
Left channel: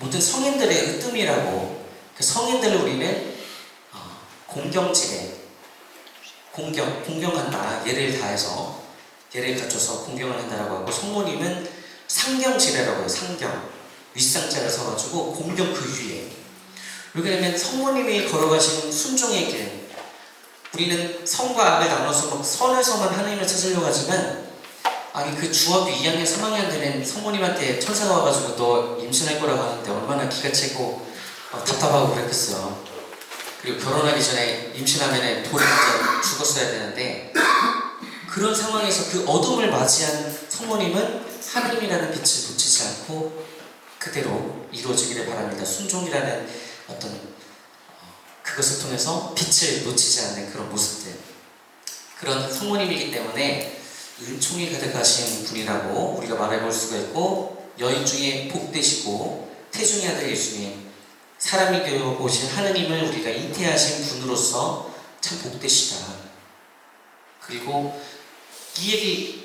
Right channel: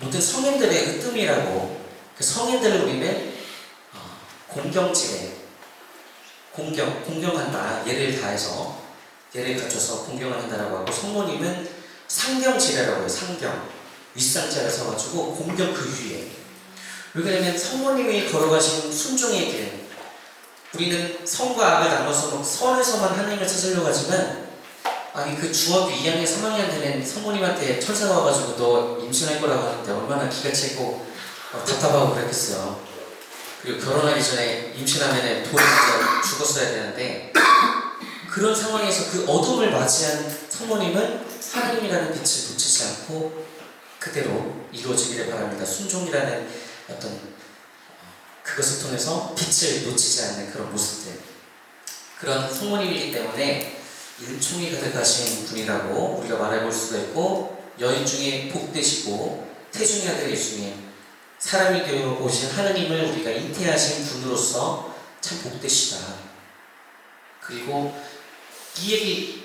모든 성인들의 으뜸이라고, 그 성인들을 우리는 공경지에 공경한다, 예를 다해서 예를 갖춰서 공경을 한다라고 하고, 성모님은 상경지례라고 해요. 상경, 윗상자를 서가지고 공경 그 위에. 왜냐하면 성모님이 걸어가신 순종의 길, 우리는 선과 악을 나눠서 막 선에서만 하나님을 찾으려고 하지만, 아니 그 중학교 2학년, 3학년 되면 성모님한테 천사가 와가지고 너 임신할 거라고 하는데 얼마나 기가 차고 답답하고 그랬겠어요. 그리고 결혼하기 전에 임신하면 돈이 죽었어야 되는데, 그런 상황에서 그 어둠을 맞이한 성모님은 하나님이라는 빛을 놓치지 않고 그대로 이루어지기를 바랍니다. 순종이라는 어떤 그것을 통해서 빛을 놓치지 않는 그런 모습들, 그런 성모님이기 때문에 은총이 가득하신 분이라고 우리가 말해볼 수가 있고, 여인 중에 복되시고 태중의 아들 예수님, 사람이 되어 오신 하나님을 우리가 잉태하신 분으로서 참 복되시다. 그리고 이 얘기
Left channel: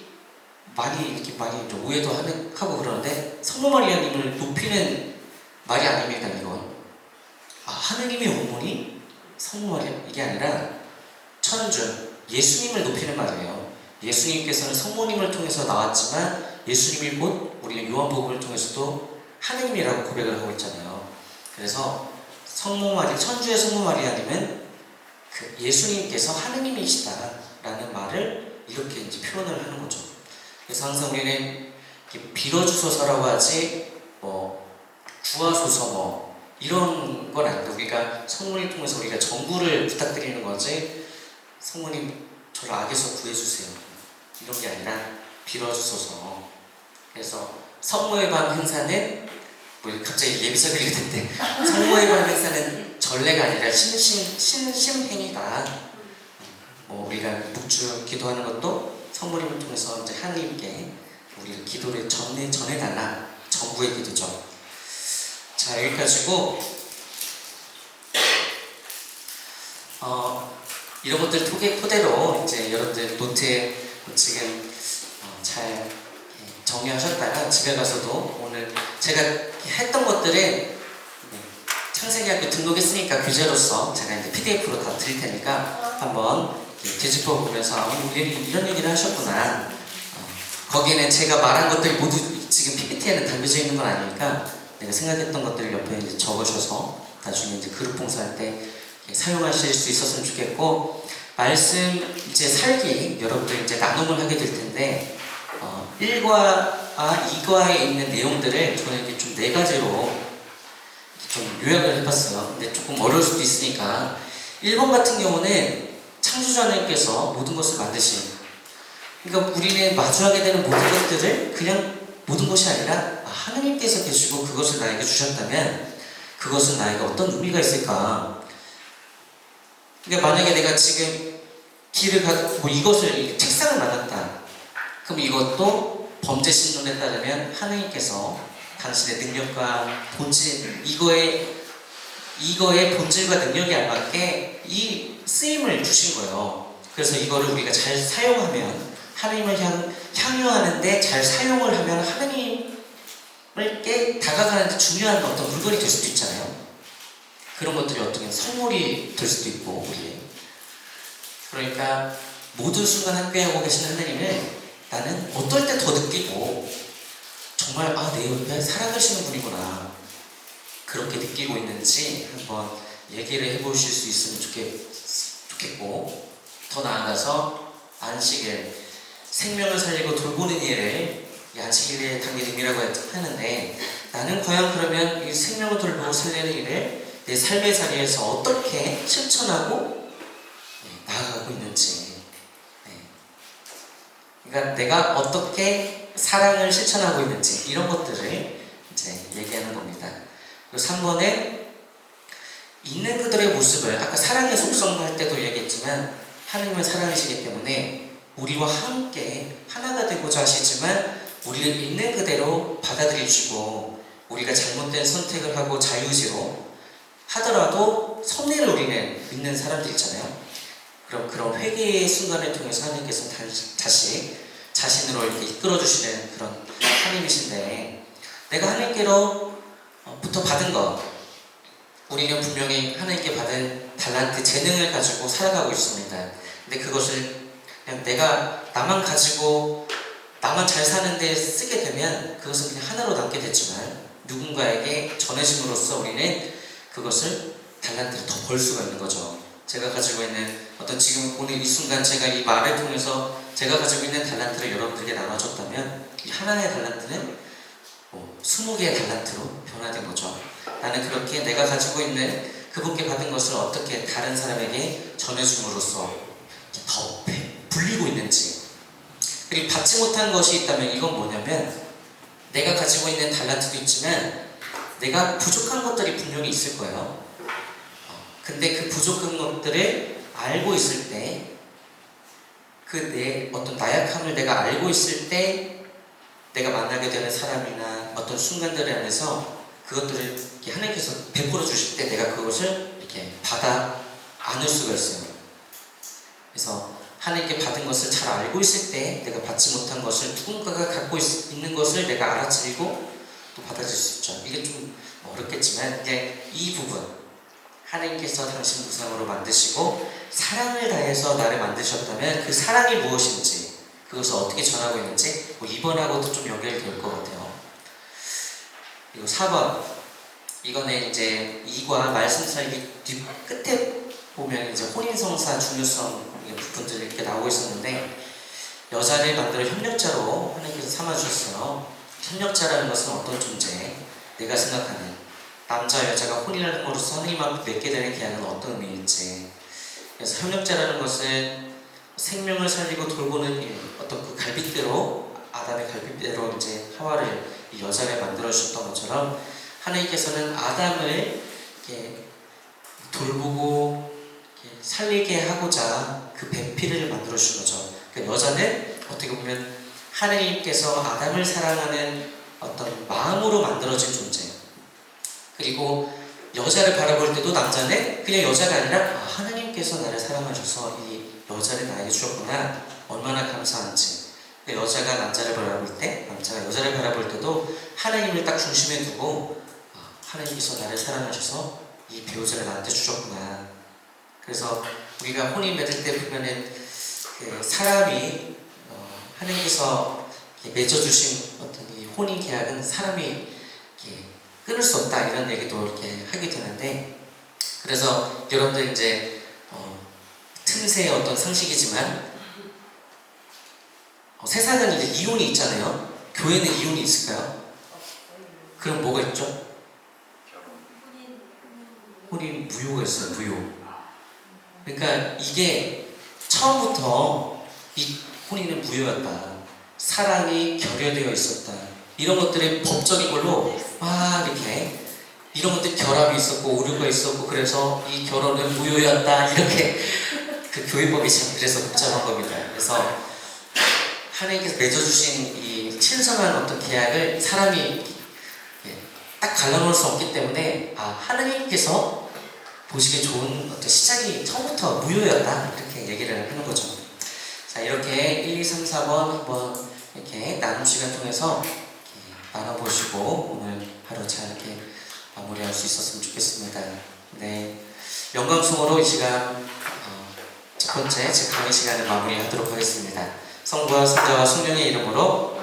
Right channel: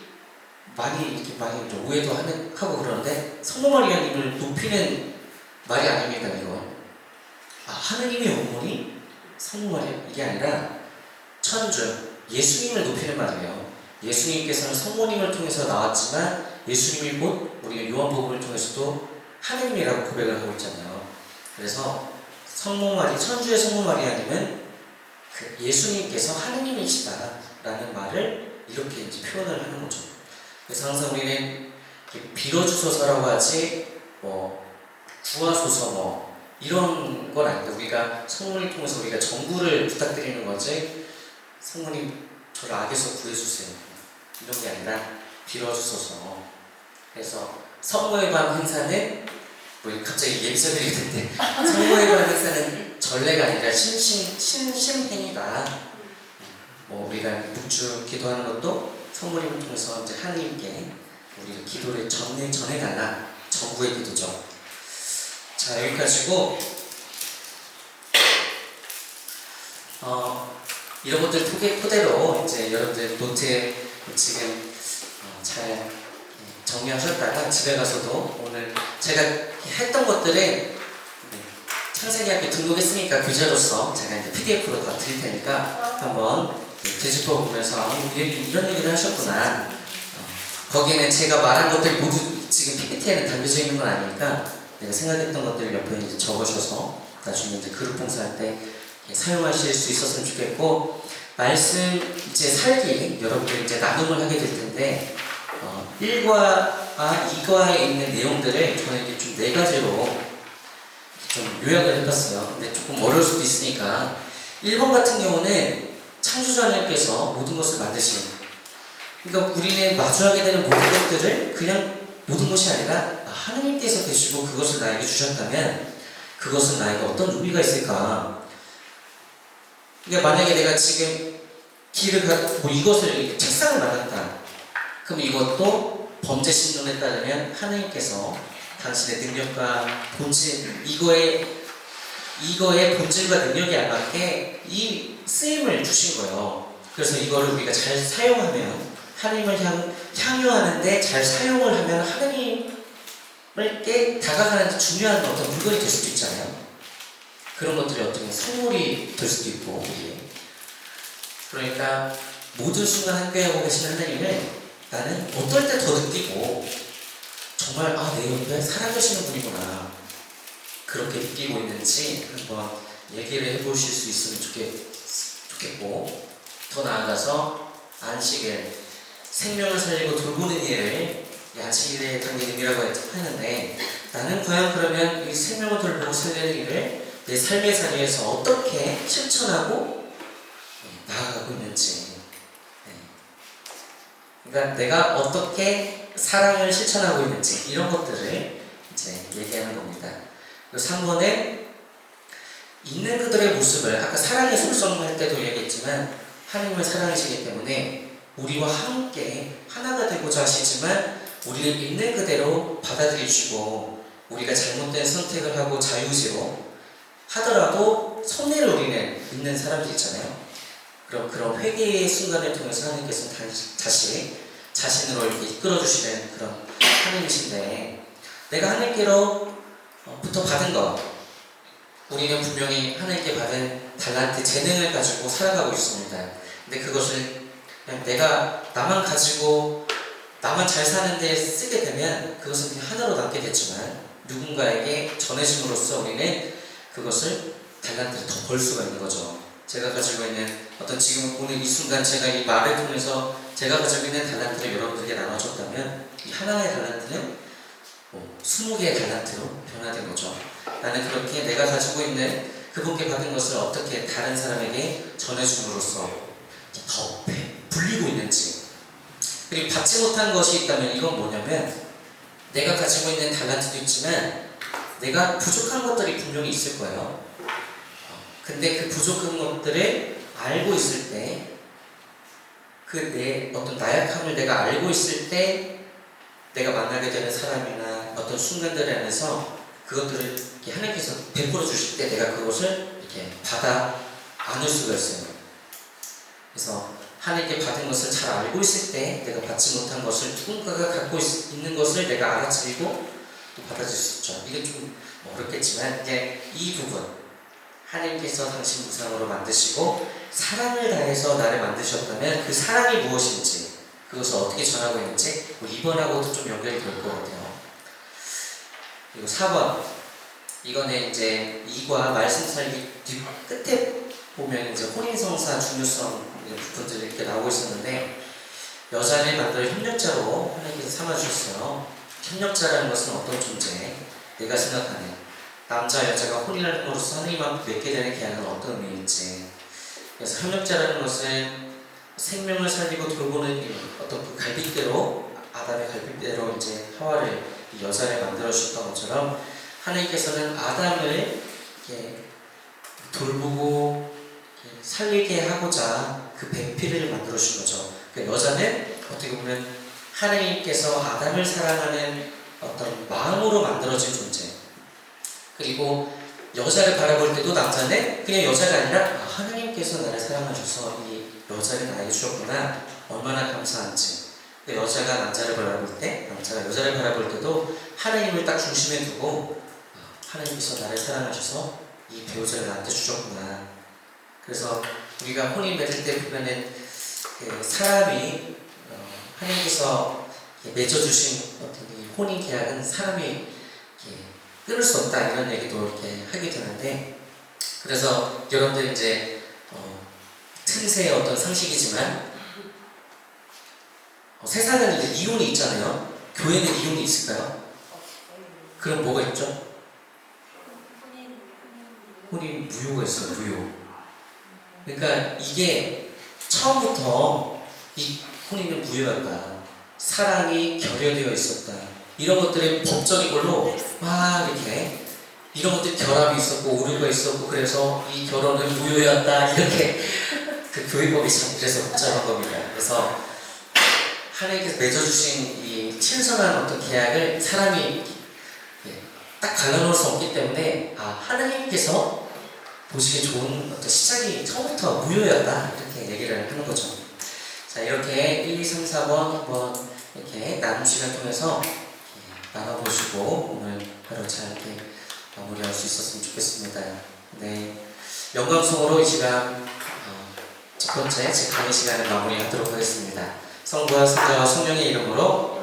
많이 좀 오해도 하고 그러는데, 성모 마리아님을 높이는 말이 아닙니까 이건? 하느님의 어머니 성모 마리아, 이게 아니라 천주 예수님을 높이는 말이에요. 예수님께서는 성모님을 통해서 나왔지만 예수님이 곧 우리가 요한복음을 통해서도 하느님이라고 고백을 하고 있잖아요. 그래서 천주의 성모 마리아님은 그 예수님께서 하느님이시다라는 말을 이렇게 이제 표현을 하는 거죠. 그래서 항상 우리는 빌어주소서라고 하지 구하소서 이런 건 아닌데, 우리가 성모님 통해서 우리가 전부를 부탁드리는 거지, 성모님 저를 악에서 구해주세요 이런 게 아니라 빌어주소서. 그래서 성모의 밤 행사는 갑자기 예비설이 됐는데 성모의 밤 행사는 전례가 아니라 신심행위다. 우리가 묵주 기도하는 것도 성모님을 통해서 이제 하나님께 우리 기도를 전해달라, 전부의 기도죠. 자, 여기까지고 이런 것들 토대로 이제 여러분들 노트에 지금 잘 정리하셨다가 집에 가서도 오늘 제가 했던 것들은 창세기학교 등록했으니까 교재로서 제가 이제 PDF로 다 드릴 테니까 한번 되짚어 보면서 이런 얘기를 하셨구나. 거기에는 제가 말한 것들 모두 지금 PPT에는 담겨져 있는 건 아니니까 내가 생각했던 것들을 옆에 이제 적으셔서 나중에 이제 그룹 봉사할 때 사용하실 수 있었으면 좋겠고, 말씀 이제 살기 여러분들 이제 나눔을 하게 될 텐데 1과 2과에 있는 내용들을 저는 이제 좀 4가지로 좀 요약을 해봤어요. 근데 조금 어려울 수도 있으니까 1번 같은 경우는 창조주 하나님께서 모든 것을 만드신, 그러니까 우리는 마주하게 되는 모든 것들을 그냥 모든 것이 아니라 하나님께서 계시고 그것을 나에게 주셨다면 그것은 나에게 어떤 의미가 있을까. 그러니까 만약에 내가 지금 길을 가고 이것을 책상을 맞았다, 그럼 이것도 범죄 신존에 따르면 하나님께서 당신의 능력과 본질, 이거의 본질과 능력에 알맞게 이 쓰임을 주신 거예요. 그래서 이거를 우리가 잘 사용하면, 하나님을 향유하는데 잘 사용을 하면 하나님께 다가가는 중요한 어떤 물건이 될 수도 있잖아요. 그런 것들이 어떻게 선물이 될 수도 있고, 그러니까 모든 순간 함께하고 계신 하나님을 나는 어떨 때 더 느끼고, 정말 내 옆에 살아계시는 분이구나, 그렇게 느끼고 있는지 한번 얘기를 해보실 수 있으면 좋겠고, 더 나아가서 안식일, 생명을 살리고 돌보는 일을 안식일에 담긴 의미라고 하는데, 나는 과연 그러면 이 생명을 돌보고 살리는 일을 내 삶의 자리에서 어떻게 실천하고 나아가고 있는지. 그러니까 내가 어떻게 사랑을 실천하고 있는지 이런 것들을 이제 얘기하는 겁니다. 그리고 3번은 있는 그들의 모습을 아까 사랑의 속성 할 때도 얘기했지만 하나님을 사랑하시기 때문에 우리와 함께 하나가 되고자 하시지만 우리를 있는 그대로 받아들이시고 우리가 잘못된 선택을 하고 자유의지로 하더라도 섭리를 우리는 있는 사람들 있잖아요. 그럼 그런 회개의 순간을 통해서 하나님께서 다시 자신으로 이렇게 이끌어주시는 그런 하나님이신데 내가 하나님께로부터 받은 것 우리는 분명히 하나님께 받은 달란트, 재능을 가지고 살아가고 있습니다. 근데 그것을 그냥 내가 나만 가지고 나만 잘 사는데 쓰게 되면 그것은 그냥 하나로 남게 됐지만 누군가에게 전해짐으로써 우리는 그것을 달란트를 더 벌 수가 있는 거죠. 제가 가지고 있는 어떤 지금 오늘 이 순간 제가 이 말을 통해서 제가 가지고 있는 달란트를 여러분들에게 나눠줬다면 이 하나의 달란트는 20개의 달란트로 변화된 거죠. 나는 그렇게 내가 가지고 있는 그분께 받은 것을 어떻게 다른 사람에게 전해줌으로써 더 불리고 있는지. 그리고 받지 못한 것이 있다면 이건 뭐냐면 내가 가지고 있는 달란트도 있지만 내가 부족한 것들이 분명히 있을 거예요. 근데 그 부족한 것들을 알고 있을 때 그 내 어떤 나약함을 내가 알고 있을 때 내가 만나게 되는 사람이나 어떤 순간들 안에서 그것들을 이렇게 하나님께서 베풀어 주실 때 내가 그것을 이렇게 받아 안을 수가 있어요. 그래서 하나님께 받은 것을 잘 알고 있을 때 내가 받지 못한 것을 누군가가 갖고 있는 것을 내가 알아차리고 또 받아들일 수 있죠. 이게 좀 어렵겠지만 이제 이 부분 하나님께서 당신 무상으로 만드시고 사랑을 다해서 나를 만드셨다면 그 사랑이 무엇인지 그것을 어떻게 전하고 있는지 이번하고도 좀 연결이 될 것 같아요. 그리고 4번 이거는 이제 2과 말씀 사이 뒤 끝에 보면 이제 혼인성사 중요성 부분들이 이렇게 나오고 있었는데 여자를 만들어 협력자로 하나님께서 삼아주셨어요. 협력자라는 것은 어떤 존재? 내가 생각하는 남자 여자가 혼인을 함으로써 하나님 앞에 맺게 되는 계약은 어떤 의미일지. 그래서 협력자라는 것은 생명을 살리고 돌보는 어떤 그 갈빗대로 아담의 갈빗대로 이제 하와를 이 여자를 만들어 주셨던 것처럼 하나님께서는 아담을 이렇게 돌보고 이렇게 살리게 하고자 그 배필을 만들어 주신 거죠. 그러니까 여자는 어떻게 보면 하나님께서 아담을 사랑하는 어떤 마음으로 만들어진 존재. 그리고 여자를 바라볼 때도 남자는 그냥 여자가 아니라 하나님께서 나를 사랑하셔서 이 여자를 나에게 주셨구나 얼마나 감사한지. 여자가 남자를 바라볼 때 남자가 여자를 바라볼 때도 하나님을 딱 중심에 두고 하나님께서 나를 사랑하셔서 이 배우자를 나한테 주셨구나. 그래서 우리가 혼인 맺을 때 보면은 사람이 하나님께서 맺어주신 어떤 이 혼인 계약은 사람이 끊을 수 없다 이런 얘기도 이렇게 하게 되는데 그래서 여러분들 이제 틈새의 어떤 상식이지만 세상은 이제 이혼이 있잖아요. 교회는 이혼이 있을까요? 그럼 뭐가 있죠? 혼인 무효가 있어요. 무효. 그러니까 이게 처음부터 이 혼인은 무효였다. 사랑이 결여되어 있었다. 이런 것들의 법적인 걸로 막 이렇게 이런 것들 결합이 있었고 오류가 있었고 그래서 이 결혼은 무효였다 이렇게 그 교회법이 참 그래서 복잡한 겁니다. 그래서 하나님께서 맺어주신 이 친선한 어떤 계약을 사람이 딱 갈라놓을 수 없기 때문에 하나님께서 보시기에 좋은 어떤 시작이 처음부터 무효였다 이렇게 얘기를 하는 거죠. 자 이렇게 1, 2, 3, 4번 한번 이렇게 나눔 시간 통해서 나눠보시고 오늘 하루 잘 이렇게 마무리할 수 있었으면 좋겠습니다. 네, 영광송으로 이 시간 첫 번째 제 강의 시간을 마무리하도록 하겠습니다. 성부와 성자와 성령의 이름으로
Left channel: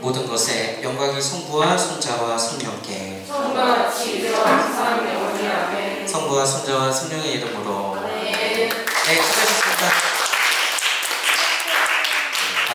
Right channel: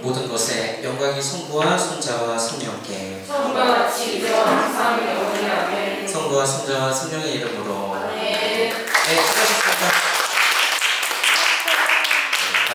모든 것에 영광이 성부와 성자와 성령께 성과 지혜와 항상 영원히 아멘. 성부와 성자와 성령의 이름으로 네. 네, 수고하셨습니다.